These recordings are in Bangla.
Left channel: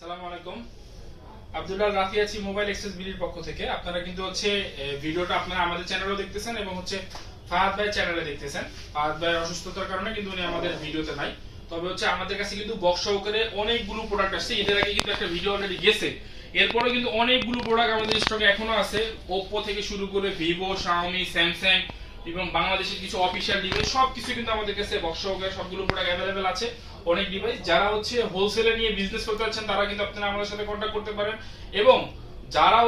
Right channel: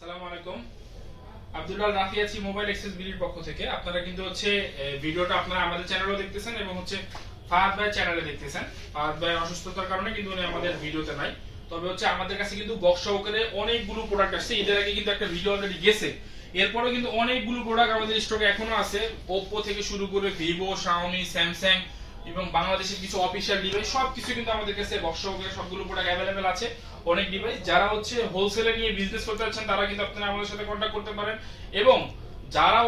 আসসালামু আলাইকুম। আব্দুল্লাহ রাফি আছি মোবাইল এক্সেস বিডির পক্ষ থেকে। আপনারা কিন্তু ভিডিওটা আপনারা আমাদের চ্যানেলেও দেখতেছেন এবং ফাহাদ ভাই চ্যানেলে দেখতেছেন। ফাহাদ ভাই অসুস্থতার কারণে কিন্তু উনি আমাদের ভিডিওতে নাই। তবে আমাদের কাছে কিন্তু বক্স সহকারে অনেকগুলো প্রোডাক্ট আসছে। এদের আগে কিন্তু একটা ভিডিও অলরেডি গেছে। এরপরে কিন্তু অনেকগুলো প্রোডাক্ট আমাদের স্টকে এখনো আছে। Oppo থেকে শুরু করে Vivo, Xiaomi, Samsung এবং বাংলাদেশের কিছু অফিশিয়াল ডিভাইস সবকিছু কিন্তু আমাদের কাছে বক্স সহকারে সবগুলো প্রোডাক্ট अवेलेबल আছে। অনেক ডিভাইস যারা হোলসেলে নিয়ে বিজনেস করতে যাচ্ছেন তারা কিন্তু আপনারা আমাদের সাথে কন্টাক্ট করতে পারেন, এবং যারা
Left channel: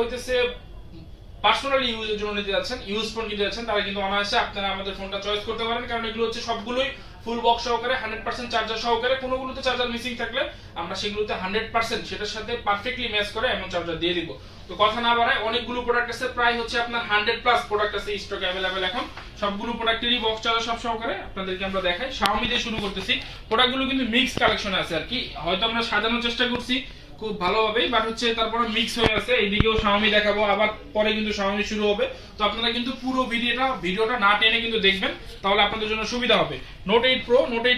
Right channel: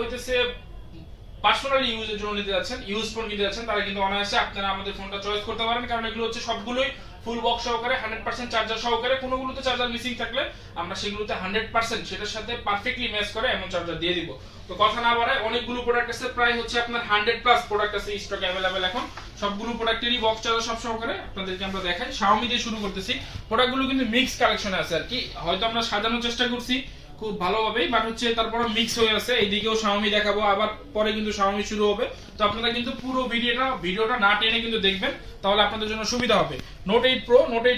পার্সোনালি ইউজের জন্য নিতে যাচ্ছেন, ইউজ ফোন কিনতে যাচ্ছেন, তারা কিন্তু অনায়াসে আপনারা আমাদের ফোনটা চয়েস করতে পারেন, কারণ এগুলো সবগুলোই ফুল বক্স সহকারে 100% চার্জার সহকারে। কোনোগুলোতে চার্জার মিসিং থাকলে আমরা সেগুলোতে 100% সেটার সাথে পারফেক্টলি ম্যাচ করে এমন চার্জার দিয়ে দিব। তো কথা না বাড়ায়, অনেকগুলো প্রোডাক্ট আছে, প্রায় আপনার 100+ প্রোডাক্ট আছে স্টকে अवेलेबल এখন। সবগুলো প্রোডাক্টেরই বক্স চার্জার সব সহকারে আপনাদেরকে আমরা দেখাই। Xiaomi দিয়ে শুরু করতেছি। প্রোডাক্টগুলো কিন্তু মিক্স কালেকশনে আছে আর কি, হয়তো আমরা সাজানোর চেষ্টা করছি খুব ভালোভাবেই, বাট তারপরে মিক্স হয়ে আছে। এইদিকেও Xiaomi দেখাবো, আবার পরে কিন্তু Xiaomi শুরু হবে। তো আপনারা কিন্তু পুরো ভিডিওটা না টেনে কিন্তু দেখবেন, তাহলে আপনাদের জন্য সুবিধা হবে। Note 8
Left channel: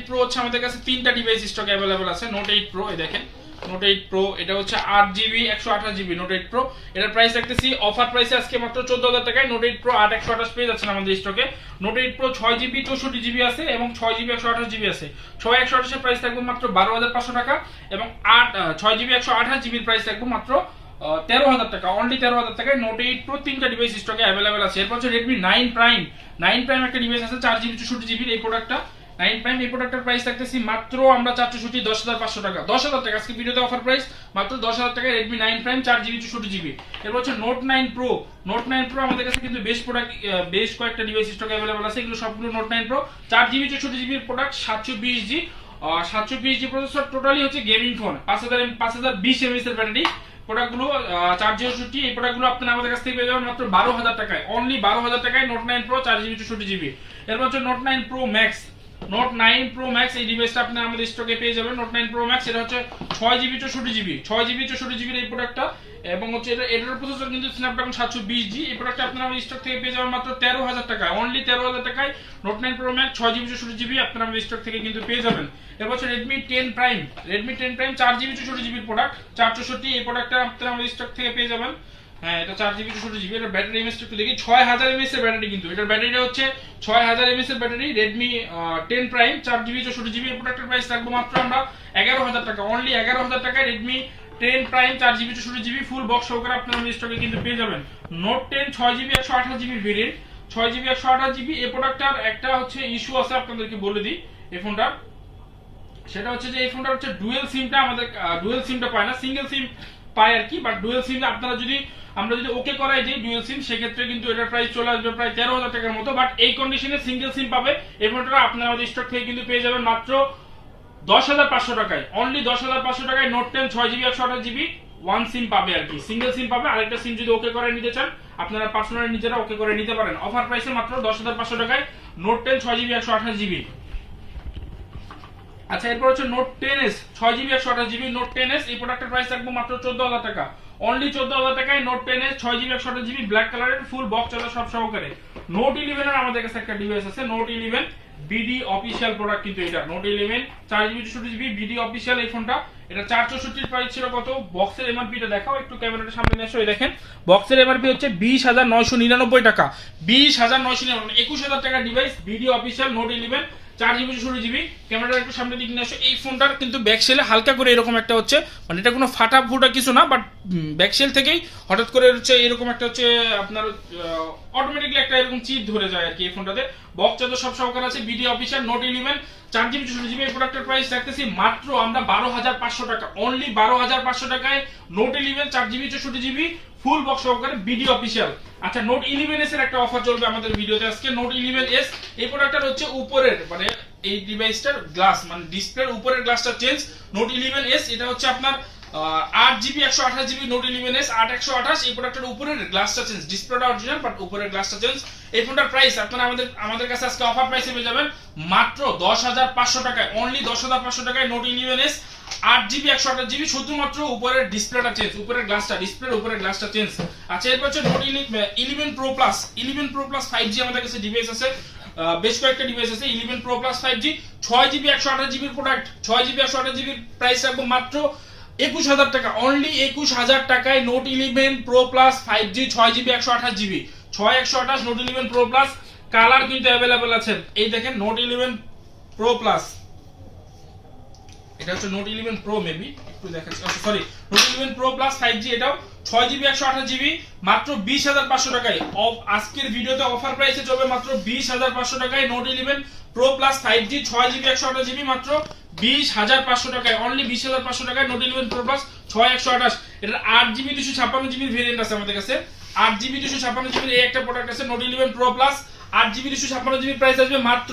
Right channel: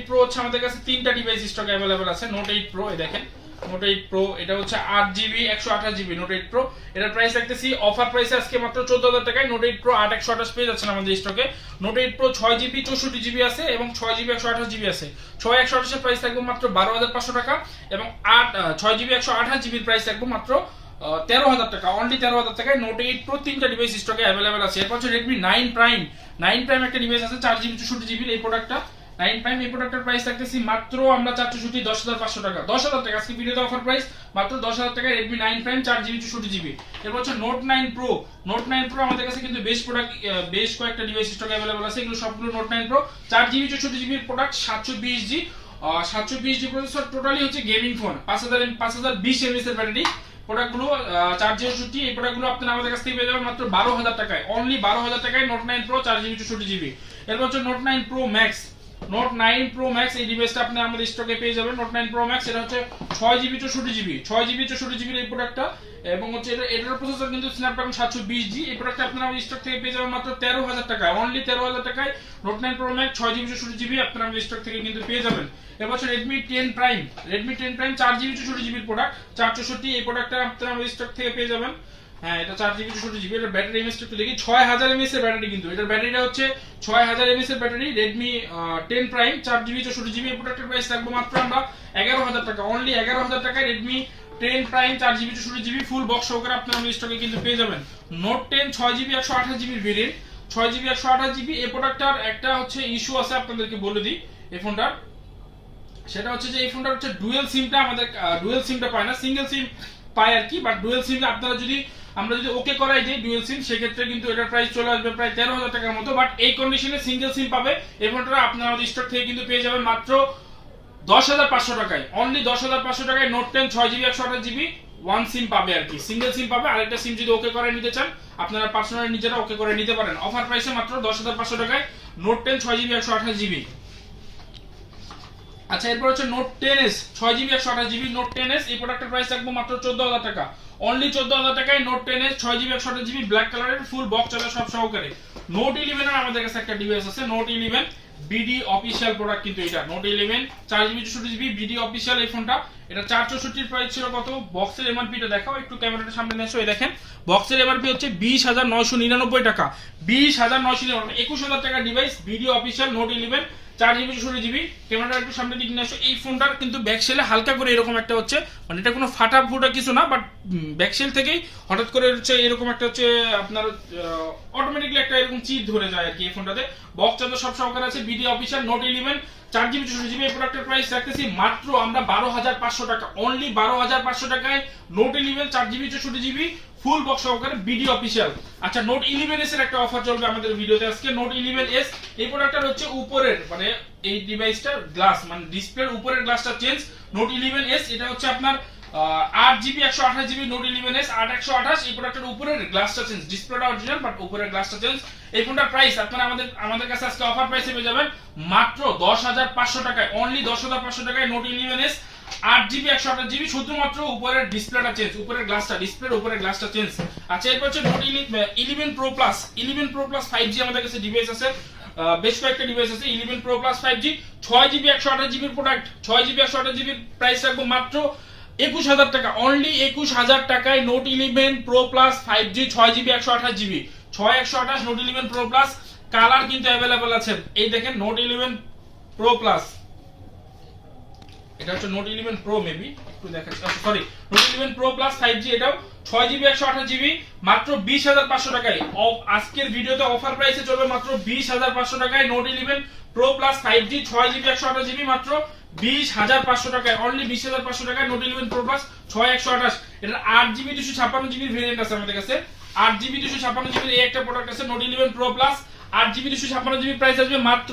Pro আমাদের কাছে তিনটা ডিভাইস স্টকে अवेलेबल আছে। Note 8 Pro এই দেখেন, Note 8 Pro এটা 8GB 128GB Note 8 Pro। এটার প্রাইস রাখতেছি অফার প্রাইসে আজকে মাত্র 14000 টাকায়। Note 8 Pro 8128 পেয়ে যাচ্ছেন আমাদের স্টকে। Note 8 Pro 6GB 64GB আছে এবং 6GB 128GB আছে। 6 128 এর প্রাইস থাকবে মাত্র 12500 টাকা, এবং 6GB 128GB এর প্রাইস থাকবে মাত্র 13000 টাকা। অনলি 13000 টাকায় Note 8 Pro তিনটা ডিভাইস স্টকে अवेलेबल আছে। এরপর Redmi 9 Prime একটা ডিভাইস আছে 4GB 64GB এই প্রোডাক্টটা। 9 Prime এই প্রোডাক্টের প্রাইস রাখতেছি মাত্র আমরা 10500 টাকা। 10000 টাকা আজকে ভিডিওতে অফার প্রাইস, মাত্র 10000 টাকায় Redmi 9 Prime 4GB 64GB। এরপর Note 9 Pro আমাদের কাছে কিন্তু বেশ কয়েকটা ডিভাইস স্টকে अवेलेबल আছে। এগুলো সবগুলো Note 9 Pro 4GB 64GB এর product, 720G processor, totally gaming phone, 5020 mAh এর ব্যাটারি। প্রোডাক্টগুলো 4GB এই প্রোডাক্টগুলো আপনারা আমাদের কাছ থেকে পেয়ে যাবেন মাত্র 12000 টাকায়। অনলি 12000 টাকায় Note 9 Pro 4GB 64GB। এরপর Note 9 Pro Max এই ডিভাইসটা আপনারা আমাদের স্টকে পেয়ে যাবেন। Note 9 Pro Max এটা 6GB 64GB এই প্রোডাক্টটা, এবং এটার প্রসেসর কিন্তু Snapdragon 720G। এই প্রোডাক্টটা আপনারা আমাদের স্টক থেকে পেয়ে যাবেন মাত্র 13000 টাকায়। অনলি 13000 টাকায় Note 9 Pro Max 6GB 64GB আপনারা আমাদের স্টক থেকে কিন্তু পেয়ে যাবেন। এরপর Redmi 10 Prime 4GB 64GB এর প্রোডাক্ট, 464 এই প্রোডাক্টটা আপনারা আমাদের স্টক থেকে পেয়ে যাবেন। হ্যাঁ, এটা 4GB 64GB। এর ব্যাটারি এমএএইচ একটু দেখি, 6000 mAh এর ব্যাটারি, কিন্তু এটার ব্যাটারিটা 6000 mAh এর battery. Redmi 10 Prime 4GB 64GB এই প্রোডাক্টের প্রাইস রাখবো মাত্র আমরা 11000 টাকা। অনলি 11000 টাকায় Redmi 10 Prime 4GB 64GB full box সহকারে আপনারা আমাদের স্টকে কিন্তু পেয়ে যাবেন। Note 10 6GB 128GB এর ভেরিয়েন্ট, 6GB 128GB এই প্রোডাক্টটার একটা ইস্যু আছে, আপনাদেরকে বলে দিই। এই ফোনটা সেটা যে এই ফোনটা ডুয়াল সিমটা আমাদের ডুয়াল সিমটা পায় না, সিঙ্গেল সিম পায় আর কি, বাট ডুয়াল সিম আপনারা আমরা যদি ওকে করাই যে ডুয়াল সিম, সেক্ষেত্রে কিন্তু এটার প্রাইস চলে আসবে প্রায় 13000 টাকার মতো। বাট এই কন্ডিশনে সিঙ্গেল সিম পাবে এই ফোনটা আপনারা আমাদের স্টক থেকে কিন্তু পেয়ে যাবেন মাত্র 10500 টাকায়। অনলি 10500 টাকায় Note 10 6GB 128GB one SIM পাবে আর কি, সিঙ্গেল সিম পাবে। আরেকটা সিম যদি ওকে করে নিতে চান আপনারা পার্সোনালি নিজেরা ওকে করে নিতে পারেন। অফার প্রাইসে মাত্র 10500 টাকায় Note 10 6GB 128GB। আচ্ছা, এরপর Note 10s 6GB 128GB Note 10s এই প্রোডাক্টের প্রাইস থাকবে মাত্র 14000 টাকা। অনলি 14000 টাকায় Note 10s 6GB 128GB black কালারের ফুল বক্স চার্জার সব সহকারে। Note 11 এর আমাদের কাছে একটা ডিভাইস আছে, Note 11 BD অফিশিয়াল প্রোডাক্ট, কিন্তু এটা Note 11 4GB 64GB BD official এই ফোনটা। এটা 464 প্রাইস ছিল কত, বক্সের এমআরপি টা দেখাও একটু, ক্যামেরাটার সামনে নিয়ে এসো। এই দেখেন, বক্সের এমআরপি 20999 টাকা, 20999, 21000 টাকা device BD official Note 11 4GB 64GB। ক্যামেরাটা একটু সামনে দিকে নিয়ে আসো। এই ফোনটার কিন্তু ব্যাকসেলে হালকা করে এরকম একটা মানে এটা কোনো ফাটা ফুটা কিছু না, বাট ব্যাকসেল থেকেই হঠাৎ করে এরকম একটা আপনার অটোমেটিক্যালি একটা এরকম চিপ ধরে যায় আর কি। এই ফোনটাতে বক্স চার্জার সব সহকারে আছে, BD official Note 11 4GB 64GB এই প্রোডাক্টের প্রাইস রাখতেছি মাত্র আমরা 12500 টাকা। অনলি 12500 টাকায় Note 11 4GB 64GB full box সহকারে BD অফিশিয়াল। আচ্ছা, Note 11s এর একটা অফার চলবে আমাদের ভিডিওতে আজকে। Note 11s এই প্রোডাক্টটার উপরের মানে এই ডিভাইসটার গ্লাস, মানে ডিসপ্লের উপরের গ্লাসটা চেঞ্জ। Note 11s এটা আপনার 8GB 128GB Note 11s 8128 এই প্রোডাক্টের উপরের গ্লাসটা চেঞ্জ, ডিসপ্লেটা অরিজিনাল বাট উপরের গ্লাসটা চেঞ্জ। এই ফোনটার প্রাইস আপনারা আমাদের কাছে আজকে অফার প্রাইসে পেয়ে যাবেন মাত্র 10500 টাকায়। অনলি 10500 টাকায় Note 11s 8GB 128GB, শুধুমাত্র উপরের ডিসপ্লেটা চেঞ্জ, উপরের গ্লাসটা, ডিসপ্লের উপরের গ্লাসটা চেঞ্জ। আচ্ছা, এরপর Note 11 Pro Plus 5G আমাদের কাছে ডিভাইস আছে, বেশ কয়েকটা ডিভাইস আছে। 11 Pro Plus 5G 6GB 128GB product, 6GB 128GB price রাখবো মাত্র 21,000 টাকা, অনলি 21,000 টাকায় Note 11 pro plus 5G 6GB 128GB 6128 note 11 pro plus. Colour কিন্তু অ্যাভেলেবল আছে, এই দেখেন নোট 11 প্রো প্লাস, এটা হচ্ছে নোট 11 প্রো, মেবি একটু দেখাচ্ছি, sorry note 11 pro plus 5G, এটাও 6GB 128GB মাত্র 20,500 টাকায়। আজকের ভিডিওতে অফার প্রাইসে চলবে মাত্র 20,500 টাকায় Note 11 pro plus 5G 6GB 128GB মাত্র 20,500 টাকায়, অনলি 20,500 টাকায় নোট 11 প্রো প্লাস 6128। এটার 8GB 256GB ভেরিয়েন্ট আছে আমাদের কাছে, 8GB 256GB এই একটা প্রোডাক্ট আছে note 11 pro plus 8GB 256GB, price আসবে মাত্র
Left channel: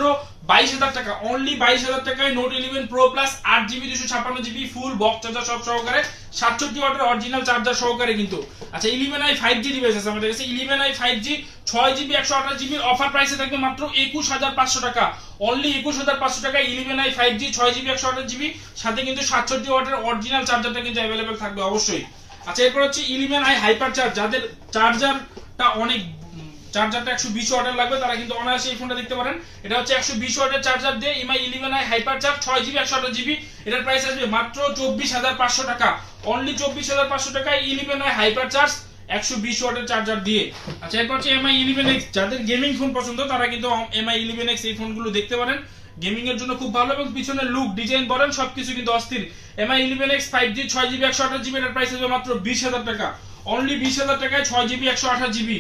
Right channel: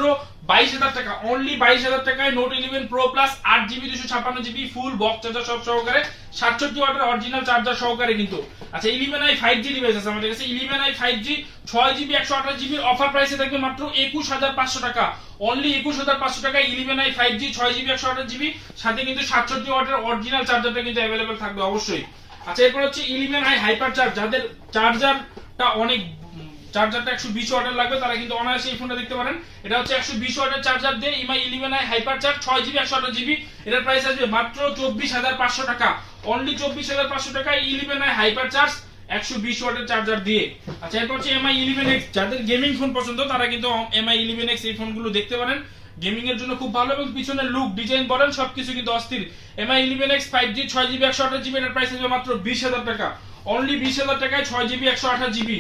22,000 টাকা, অনলি 22,000 টাকায় Note 11 pro plus 8GB 256GB full box charger সব সহকারে 67 ওয়াটের অরিজিনাল চার্জার সহকারে কিন্তু। আচ্ছা 11i 5G ডিভাইস আছে আমাদের কাছে, 11i 5G 6GB 128GB offer প্রাইসে থাকবে মাত্র 21,500 টাকা, অনলি 21,500 টাকায় 11i 5G 6GB 128GB, সাথে কিন্তু 67 ওয়াটের অরিজিনাল চার্জারটা কিন্তু अवेलेबल থাকবে অবশ্যই। আচ্ছা এরপর হচ্ছে 11i হাইপার চার্জ, যাদের চার্জারটা অনেক, চার্জারটা 120 ওয়াটের লাগবে তারা কিন্তু অনায়াসে এই ফোনটা দেখতে পারেন। এটা হচ্ছে 120 ওয়াটের চার্জার দিয়ে MI 11i hyper charge 6GB 128GB, এটার প্রাইস আসবে মাত্র 24,500 টাকা, অনলি 24,500 টাকায় 11i হাইপার চার্জ 120 ওয়াটের চার্জার দিয়ে। আচ্ছা এরপর হচ্ছে এমআই 11X, যাদের গেমিং ফোন পছন্দ তারা কিন্তু এমআই 11X এই ফোনগুলো দেখতে পারেন, গেমিং এর জন্য খুব ভালো এবং পিছনের লুক ডিজাইন বলেন সবকিছু কিন্তু অস্থির। MI 11X 5G 6GB 128GB, এর প্রাইস আসবে মাত্র 20,000 টাকা, অনলি 20,000 টাকায় 6GB 128GB।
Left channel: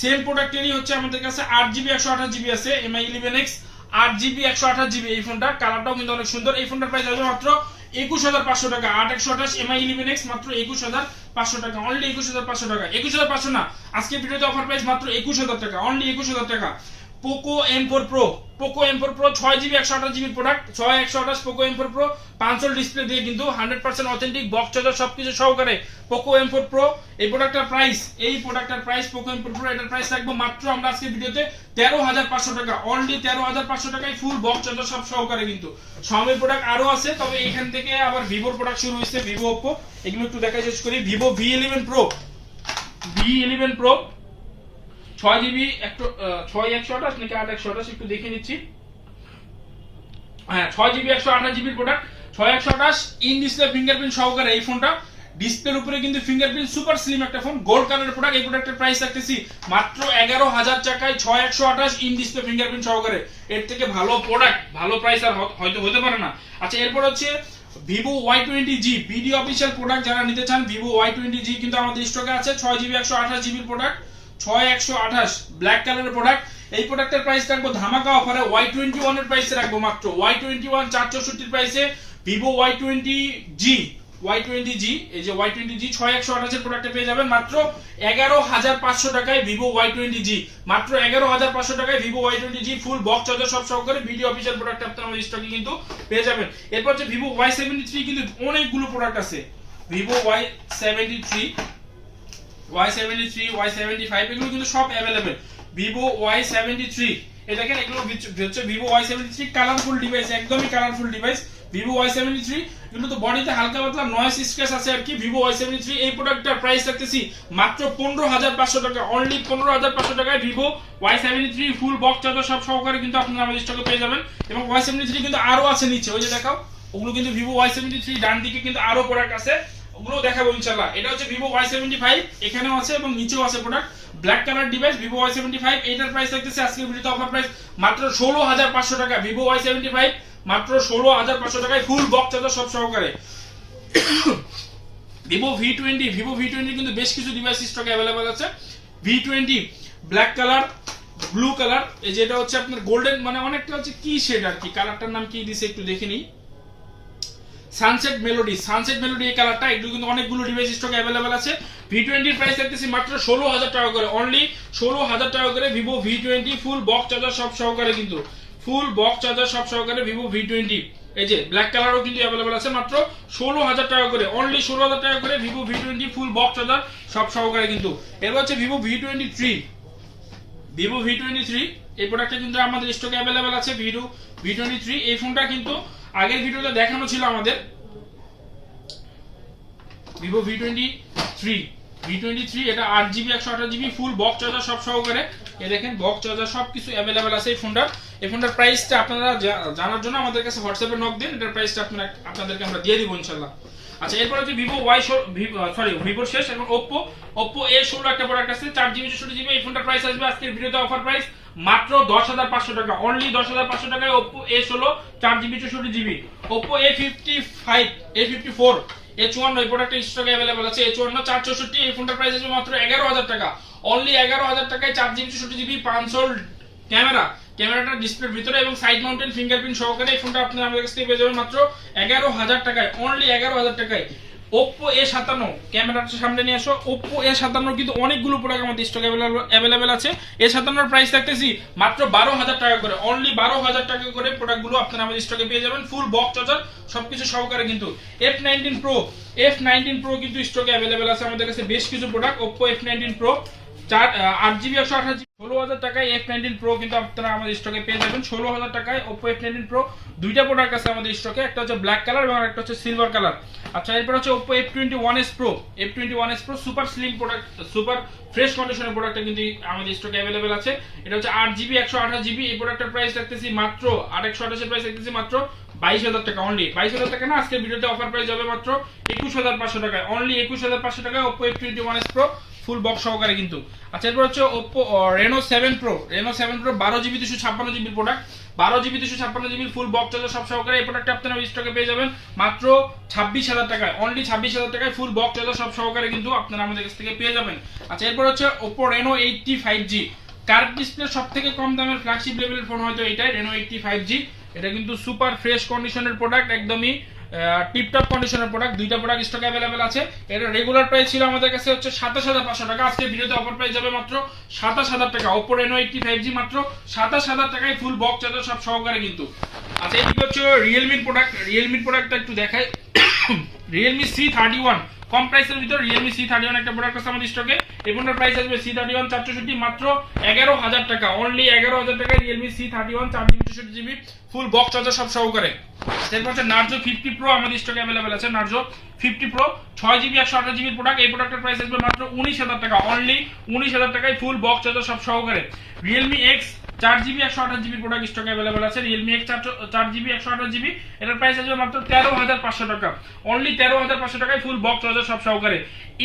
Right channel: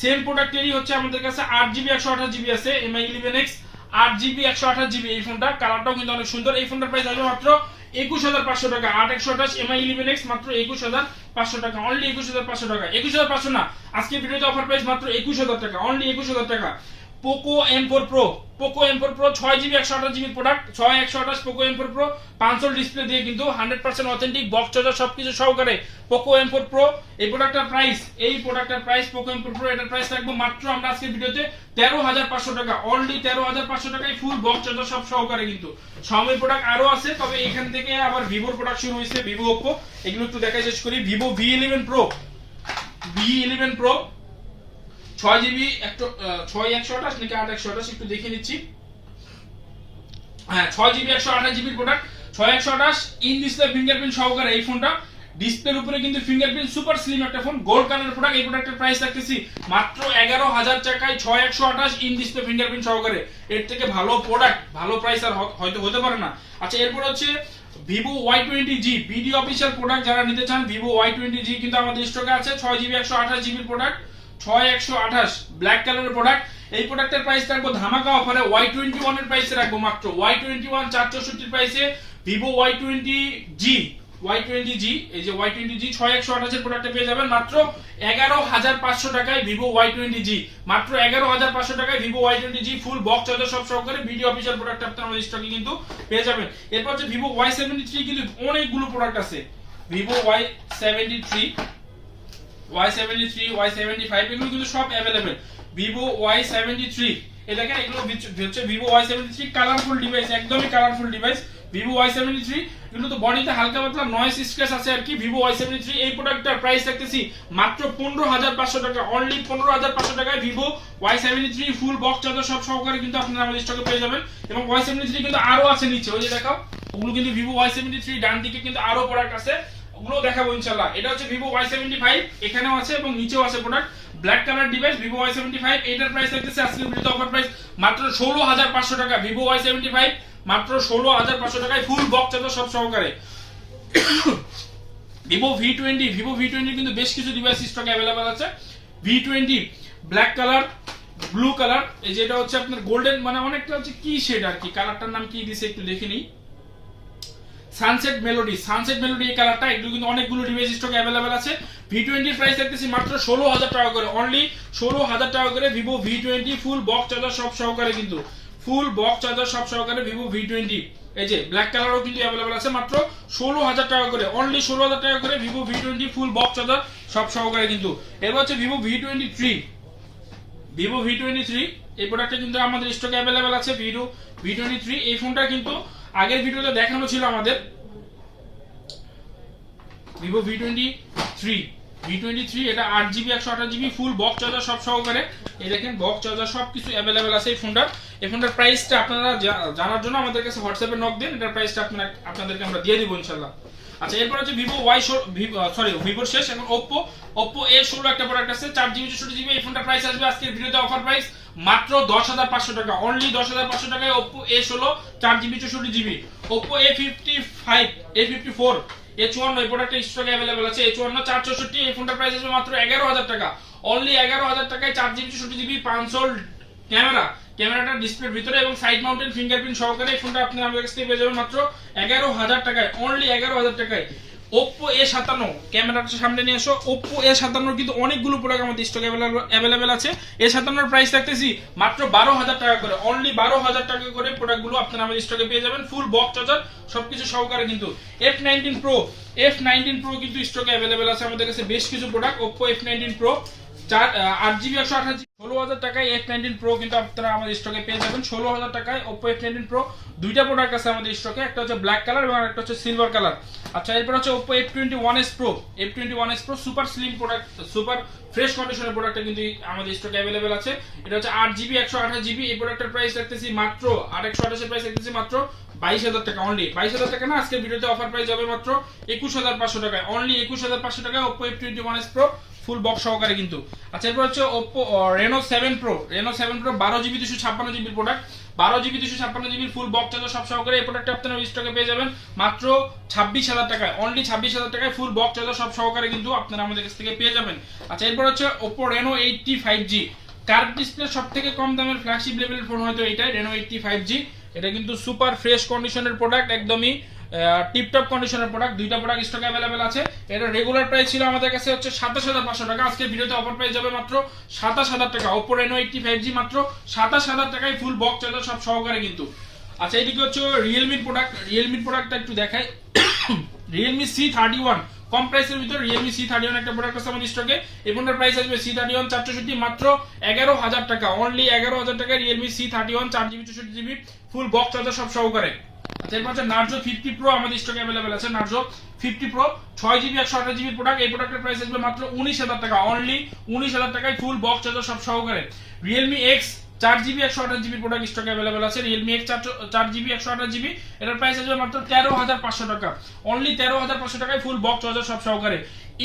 সেম প্রোডাক্টেরই হচ্ছে আমাদের কাছে 8GB 128GB আছে, এমআই 11X 8GB 128GB, এই ফোনটা কালারটাও কিন্তু অনেক সুন্দর। এই ফোনটার প্রাইস আসবে মাত্র 21,500 টাকা, 8/128 এমআই 11X মাত্র 21,500 টাকা, অনলি 21,500 টাকা, 21,500 না, আজকে ভিডিওতে অফার প্রাইস মাত্র 21,000 টাকা, অনলি 21,000 টাকা। Poco M4 Pro, Poco M4 Pro 6GB 128GB product, 6128 Poco M4 Pro 5 display দিয়ে কিন্তু 100% অথেন্টিক বক্স চার্জার সবকিছু সহকারে পোকো M4 Pro। এই প্রোডাক্টটার প্রাইস পোকো M4 Pro এটার প্রাইস রাখবো মাত্র আমরা আজকের ভিডিওতে 13,500 টাকা, অনলি 13,500 টাকায় ফুল বক্স চার্জার সব সহকারে কিন্তু। Xiaomi প্রোডাক্ট আরো আছে, তবে এখান থেকে আবার ভিভোর প্রোডাক্ট শুরু হয়েছে, ভিভো ওপ্পো, এগুলো একটু দেখা শেষ করি। ভিভো V11 Pro 6GB 6128 নাকি 8128 একটু দেখে নিচ্ছি, হ্যাঁ 6GB 128GB product, 6128 in display fingerprint সহকারে এই ফোনটা, ডিসপ্লের উপরে কিন্তু ফিঙ্গারপ্রিন্ট, সুপার স্লিম একটা ফোন, গোল্ড কালারের প্রোডাক্ট। এই প্রোডাক্টের প্রাইস রাখতেছি মাত্র 11,000 টাকায় 6128 ইন ডিসপ্লে ফিঙ্গারপ্রিন্ট সহকারে। এর থেকে ভালো প্রোডাক্ট, ভালো প্রাইস আর হয়তো হতে পারে না। আচ্ছা এরপর হচ্ছে Vivo Y20G, BD official product, যারা নিতে চান ভিভো Y20G কিন্তু আমাদের স্টকে আছে, 6GB 128GB প্রোডাক্ট, 6128 ব্ল্যাক কালারের প্রোডাক্ট। এই প্রোডাক্টের প্রাইস রাখবো ধামাকা অফারে Y21 এর প্রাইসে রাখবো মাত্র Y21 464 এর প্রাইসে ভিভো Y20G, এই যে Y20G 6128 এর প্রোডাক্টে পেয়ে যাবেন মাত্র 11,500 টাকায় ভিভো Y20G, মাত্র 11,500 টাকায় Vivo Y20G full box charger সব সহকারে ভিডিও অফিশিয়াল প্রোডাক্ট আপনারা আমাদের স্টকে কিন্তু পেয়ে যাবেন। এরপর হচ্ছে ভিভো Y73, কিন্তু অনেকগুলো প্রোডাক্ট আছে, ভিভো Y73, Y75 এগুলো কিন্তু সব अवेलेबल। ভিভো Y73 এই দেখেন, এগুলো হচ্ছে ভিভো Y73 কালারফুল ডিভাইস, একদমই কালারফুল ডিভাইস ভিভো Y73, এগুলো তো বডিতে হালকা পাতলা নয়েজ স্ক্র্যাচ আছে আর কি। ভিভো Y73 এই প্রোডাক্টটার প্রাইস রাখতেছি মাত্র 15,500 টাকা, অনলি 15,500 টাকায় Vivo Y73 full box charger সব সহকারে কিন্তু আপনারা আমাদের স্টকে পেয়ে যাবেন। এবং Y73 কিন্তু আরো আছে নিচে, ওই যে দেখাও, ওগুলো কিন্তু ভিভো Y73 ডান দিকে কিন্তু আরো প্রোডাক্ট আছে, ওগুলো দেখাবো ইনশাআল্লাহ। এটা হচ্ছে ভিভো Y75, এখানেও আছে এবং নিচেও আছে product, black colour device Vivo Y75। এটার প্রাইস রাখতেছে আজকের ভিডিওতে অফার প্রাইস মাত্র 16,500 টাকা, ভিভো Y75 মাত্র 16,500 টাকায় ফুল বক্স চার্জার সব সহকারে। ভিভো V20 কিন্তু বেশ কিছু ডিভাইস স্টকে अवेलेबल আছে। V20 black colour, blue colour, এই যে এটা হচ্ছে আপনার গোল্ডেন, মানে অনেকটা হচ্ছে কি শেড আর কি, কালারটার নাম কি দিছে একটু দেখে নিই, সানসেট মেলোডি এই কালারটা। এগুলো কিন্তু অনেকগুলো ডিভাইস স্টকে अवेलेबल আছে। V20 এর প্রাইস দেখতেছি মাত্র 16,000 টাকা করে, অনলি 16,000 টাকা করে Vivo V20 full box charger সব সহকারে কিন্তু, ফুল বক্স চার্জার সব সহকারে ভিভো V20। এই যে ব্ল্যাক কালারও কিন্তু अवेलेबल আছে মাত্র 16,000 টাকা করে, অনলি 16,000 টাকা করে Vivo V20 full box charger সব সহকারে কিন্তু। এরপর হচ্ছে ভিভো V23 এই প্রোডাক্টটা কিন্তু আমাদের স্টকে अवेलेबल আছে, ভিভো V23। এই ফোনটা কিন্তু আগের ভিডিওতে দেখানো ছিল আমাদের, ভিভো V23 এটা 8GB 128GB full box charger সব সহকারে। এই দেখেন বক্স চার্জার সবকিছু अवेलेबल আছে এই ফোনটার প্রাইসটা আপনারা জানার জন্য আমাদের কাছে হোয়াটসঅ্যাপে নক দিন, এটার প্রাইসটা আপনাদেরকে আমরা দিয়ে দিব ইনশাআল্লাহ। আচ্ছা এরপর হচ্ছে ভিভোর শেষ, এখন ওপ্পো A16 একটা প্রোডাক্ট আছে 4GB 64GB। এই ফোনটার প্রাইস আসবে আজকের ভিডিওতে অফার প্রাইস মাত্র 10,500 টাকা, অনলি 10,500 টাকায় Oppo A16 4GB 64GB। Oppo A54 A54 এই প্রোডাক্টটা স্টকে अवेलेबल আছে। A54 464, এই ফোনটার প্রাইস আসবে মাত্র 11,000 টাকা, অনলি 11,000 টাকায় 4GB 64GB 500 ক্যামেরাটা ডিসপ্লের ভিতরে এবং সাইড মাউন্টেন ফিঙ্গারপ্রিন্ট সহকারে এই ফোনটা আপনারা আমাদের কাছ থেকে পেয়ে যাবেন মাত্র 11,000 টাকায়, অনলি 11,000 টাকায়। Oppo A57 ক্যামেরাটা সামনে নিয়ে আসো। Oppo A57 কিন্তু অনেকগুলো প্রোডাক্ট আমাদের স্টকে अवेलेबल আছে। A57 এর প্রাইস রাখতেছি মাত্র 12,000 টাকা করে, অনলি 12,000 টাকা করে প্রোডাক্টগুলো আপনারা আমাদের স্টকে পেয়ে যাবেন, ফুল বক্স চার্জার সবকিছু সহকারে। কিন্তু F19 Pro কিন্তু স্টকে अवेलेबल আছে আমাদের কাছে বেশ কিছু product. Oppo F19 Pro 8GB 128GB 16,000 টাকায় F19 Pro কিন্তু আপনারা আমাদের স্টকে পেয়ে যাবেন 16,000 টাকায়। Oppo F19 Pro দুইটা প্রোডাক্ট আছে আমাদের স্টকে, একটা হচ্ছে ব্ল্যাক কালার এবং আরেকটা হচ্ছে সিলভার কালার। আচ্ছা এরপর হচ্ছে Oppo F21s Pro super slim product, super fresh কন্ডিশনের প্রোডাক্টটা কিন্তু আমাদের স্টকে अवेलेबल আছে। এটা হচ্ছে 8GB 128GB। এই প্রোডাক্টের প্রাইস রাখতেছি মাত্র 8/128 এর প্রাইস রাখতেছি মাত্র 22,000 টাকা, অনলি 22,000 টাকা না, আজকের ভিডিওতে অফার প্রাইস হবে মাত্র 21,500 টাকায়, অনলি 21,500 টাকায় Oppo F21s Pro full box সহকারে কিন্তু। আচ্ছা এরপর হচ্ছে Oppo Reno 7 Pro 12GB 256GB product, 12GB 256GB full box charger সব সহকারে। এই প্রোডাক্টটা আপনারা স্টকে পেয়ে যাবেন মাত্র 26,000 টাকায়, অনলি 26,000 টাকায় ফুল বক্স চার্জার সব সহকারে কিন্তু আপনারা আমাদের কাছ থেকে পেয়ে যাবেন। আচ্ছা এরপর হচ্ছে Oppo Reno 80 5G curve display সবথেকে কম দামের ফ্ল্যাগশিপ লেভেলের ফোন হয়তো এটাই, Reno 80 5G। এটা কিন্তু সুপার ফ্রেশ কন্ডিশনের প্রোডাক্ট, একদমই টিপটপ কন্ডিশনের প্রোডাক্ট। দুইটা প্রোডাক্ট স্টকে अवेलेबल আছে। এর রেগুলার প্রাইস ছিল আমাদের কাছে হচ্ছে 27,500 টাকা, আজকে ভিডিওতে অফার প্রাইস যাবে মাত্র 27,000 টাকা। Oppo Reno 80 5G মাত্র 27,000 টাকায় ফুল বক্স চার্জার সব সহকারে কিন্তু। আচ্ছা এইদিকে হচ্ছে Realme প্রোডাক্টটা একটু দেখাই। Realme C31 কম প্রাইসের ভিতর Realme C31 একটা প্রোডাক্ট আছে আমাদের স্টকে। এই ফোনটার প্রাইস আসবে C31 464 মাত্র 11,000 টাকা, অনলি 11,000 টাকায় Realme C31 4GB 64GB full box charger সব সহকারে। এরপর হচ্ছে Narzo 50 Pro আমাদের স্টকে अवेलेबल আছে। Narzo 50 Pro 6GB 128GB product, এই প্রোডাক্টের প্রাইস আসবে মাত্র 19,000 টাকা, অনলি 19,000 টাকায় ফুল বক্স চার্জার সব সহকারে। Realme X 4GB 128GB product স্টকে अवेलेबल আছে। Realme X 4GB 128GB এটার প্রাইস আসবে মাত্র 13,500 টাকা, অনলি 13,500 টাকায় ফুল বক্স চার্জার সব সহকারে।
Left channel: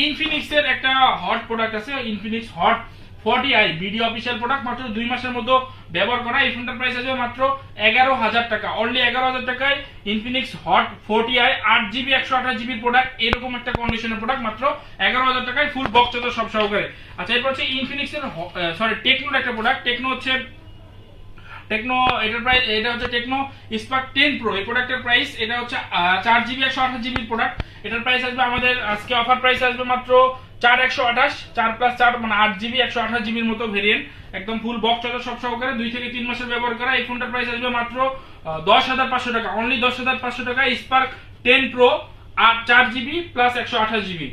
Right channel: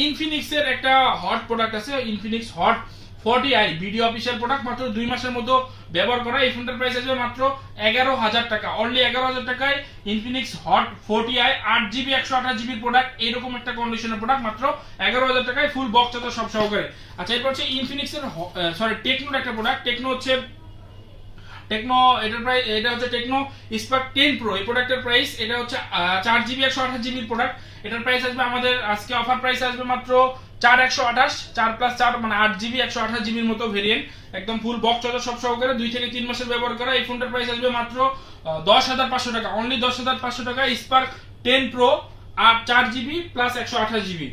Infinix এর একটা হট প্রোডাক্ট আছে, Infinix Hot 40i video official product, মাত্র 2 মাসের মধ্যে ব্যবহার করা। এই ফোনটার প্রাইস আসবে মাত্র 11,000 টাকা, অনলি 11,000 টাকায় Infinix Hot 40i 8GB 128GB product, এরকম একটা কন্ডিশনের প্রোডাক্ট মাত্র 11,000 টাকায় ফুল বক্স চার্জার সব সহকারে। আচ্ছা এরপর হচ্ছে Infinix এর টেকনোর একটা প্রোডাক্ট, এটা হচ্ছে টেকনো স্পার্ক 10 Pro। এই প্রোডাক্টের প্রাইস এটা হচ্ছে 4GB 128GB প্রোডাক্ট, এটার প্রাইস আসবে আমাদের আজকে অফার প্রাইস আসবে মাত্র 4,128, 4+4 মানে 8GB 128GB এর মতো ভেরিয়েন্ট, একদম ফুল বক্স চার্জার সব সহকারে, 2 থেকে 3 মাসের ব্যবহার করা। এই ফোনটার প্রাইস আসবে মাত্র 10,500 টাকা, অনলি 10,500 টাকা স্পার্ক 10 Pro 4GB + 128GB।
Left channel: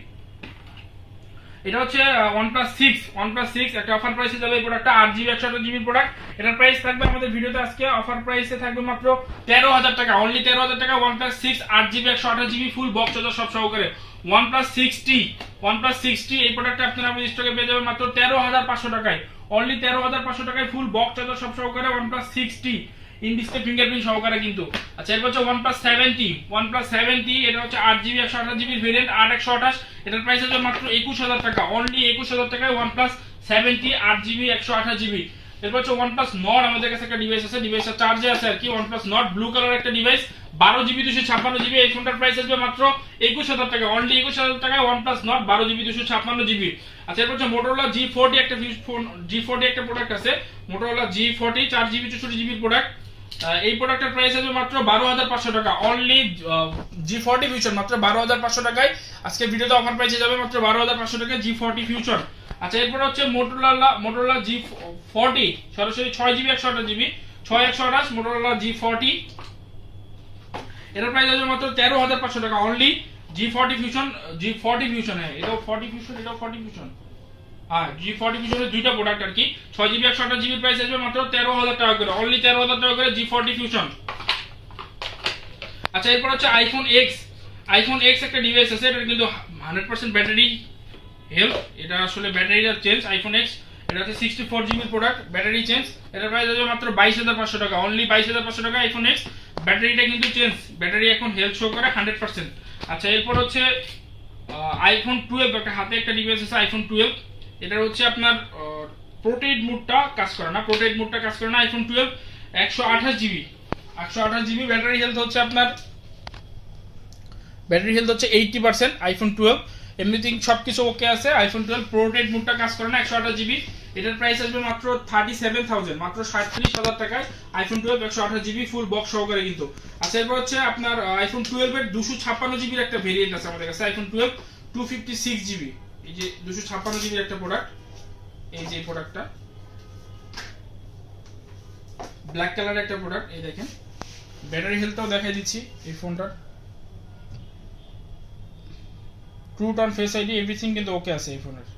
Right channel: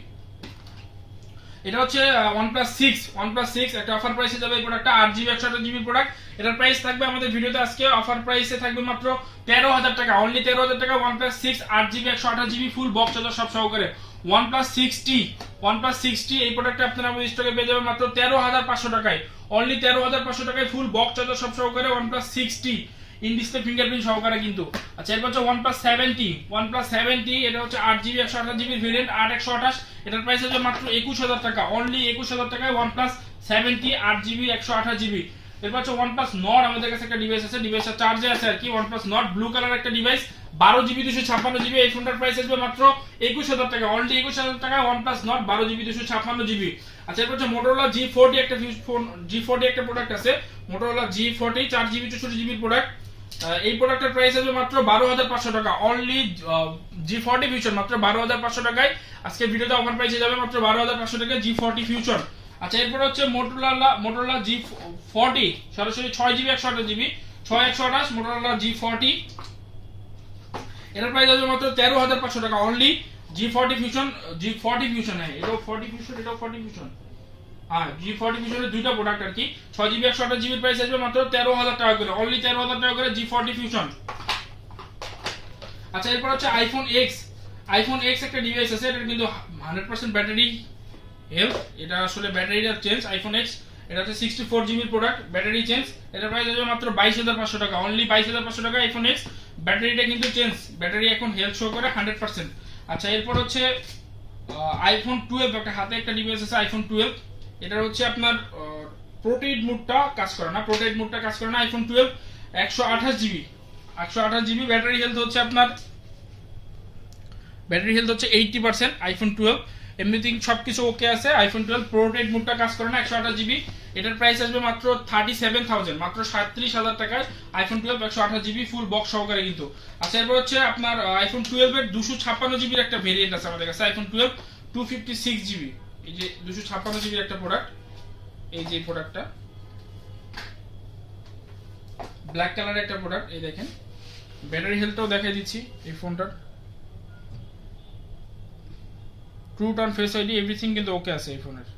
এটা হচ্ছে OnePlus 6 একটা অফার প্রাইসে যাবে এই প্রোডাক্টটা, 8GB 128GB প্রোডাক্ট। এটার প্রাইস থাকবে আমাদের ভিডিওতে আজকে অফার প্রাইসে থাকবে মাত্র 13,000 টাকা, অনলি 13,000 টাকা OnePlus 6 8GB 128GB full box charger সব সহকারে। OnePlus 6T এই প্রোডাক্টটা আপনারা আমাদের স্টকে পেয়ে যাবেন মাত্র 13,500 টাকায়, অনলি 13,500 টাকায় ফুল বক্স চার্জার সব সহকারে OnePlus 6T in display fingerprint সহকারে কিন্তু। আচ্ছা এরপর হচ্ছে OnePlus 7T এটা হচ্ছে 8GB 128GB ভেরিয়েন্ট 8/128, এটার প্রাইস আছে মাত্র 21,000 টাকা, অনলি 21,000 টাকায় OnePlus 7T 8GB 128GB। এরপর হচ্ছে OnePlus Nord আমাদের কাছে একটা ডিভাইস আছে, ডিভাইসটা চার্জে আছে আর কি। OnePlus Nord ব্লু কালার একটা ডিভাইস 12GB 256GB, এই ফোনটার প্রাইস আসবে মাত্র 21,000 টাকা, অনলি 21,000 টাকায় OnePlus Nord 12GB 256GB। আচ্ছা এরপর হচ্ছে Motorola G40 একটা ফোন, G40 একটা প্রোডাক্ট আছে, Motorola G40 4GB 64GB product. এই প্রোডাক্টের প্রাইস আসবে মাত্র 12,500 টাকা, অনলি G40 ফিউশন মাত্র 12,500 টাকায় আজকে ভিডিওতে অফার প্রাইসে যাবে মাত্র 12,500 টাকা G40 ফিউশন। আচ্ছা এরপর হচ্ছে Motorola G40 সরাসরি 6GB 128GB 6/128 Motorola G40, এটার প্রাইস আসবে মাত্র 13,500 টাকা, অনলি G40 ফিউশন। হ্যাঁ এটাও 40 ফিউশন, এটাও 40 ফিউশন। হ্যাঁ G40 ফিউশনের দুইটা প্রোডাক্ট আর কি। 6GB 128GB প্রাইস আসবে মাত্র 13,000 টাকা করে, অনলি 13,000 টাকা করে G40 ফিউশন। আচ্ছা এরপর হচ্ছে iPhone X একটা ডিভাইস আছে, এটা কিন্তু 100% ব্যাটারি হেলথ, এটা আসলে ব্যাটারিটা চেঞ্জ। iPhone X এটা হচ্ছে 64GB প্রোডাক্ট, ব্যাটারি চেঞ্জ, এটার প্রাইস আসবে মাত্র 22,500 টাকা, অনলি 22,500 টাকা iPhone X। ব্যাটারিটা কিন্তু চেঞ্জ, ব্যাটারি এখন হেলথ শো করে 100%। আচ্ছা এরপর হচ্ছে আইফোন 12, একটা হাতে একটা ডিভাইস আছে আইফোন 12। এটা হচ্ছে আপনার প্রোটেড মোডটা কাজ করে না, আইফোন 12 128 জিবি, ব্যাটারি হেলথ হচ্ছে আপনার 80%। আইফোন 12 এমনিথিং সবকিছু ওকে আছে। আইফোন 12 প্রোটেড মোডটা কাজ করে না, 128 জিবি। এটার প্রাইস আসবে মাত্র 37,000, মাত্র 37,000 টাকায় আইফোন 12 128 জিবি ফুল বক্স সহকারে কিন্তু। আচ্ছা এরপর হচ্ছে আপনার আইফোন 12 এর 256 জিবির একটা ভেরিয়েন্ট আছে আমাদের কাছে, আইফোন 12 256 জিবি। এই যে 256 জিবির একটা প্রোডাক্ট, এই যে প্রোডাক্টটা ব্ল্যাক কালারের একটা প্রোডাক্ট। এই দেখেন ব্যাটারি হেলথটাও দেখাই দিচ্ছি এই ফোনটার। True tone face ID everything কিন্তু ওকে আছে এই ফোনের।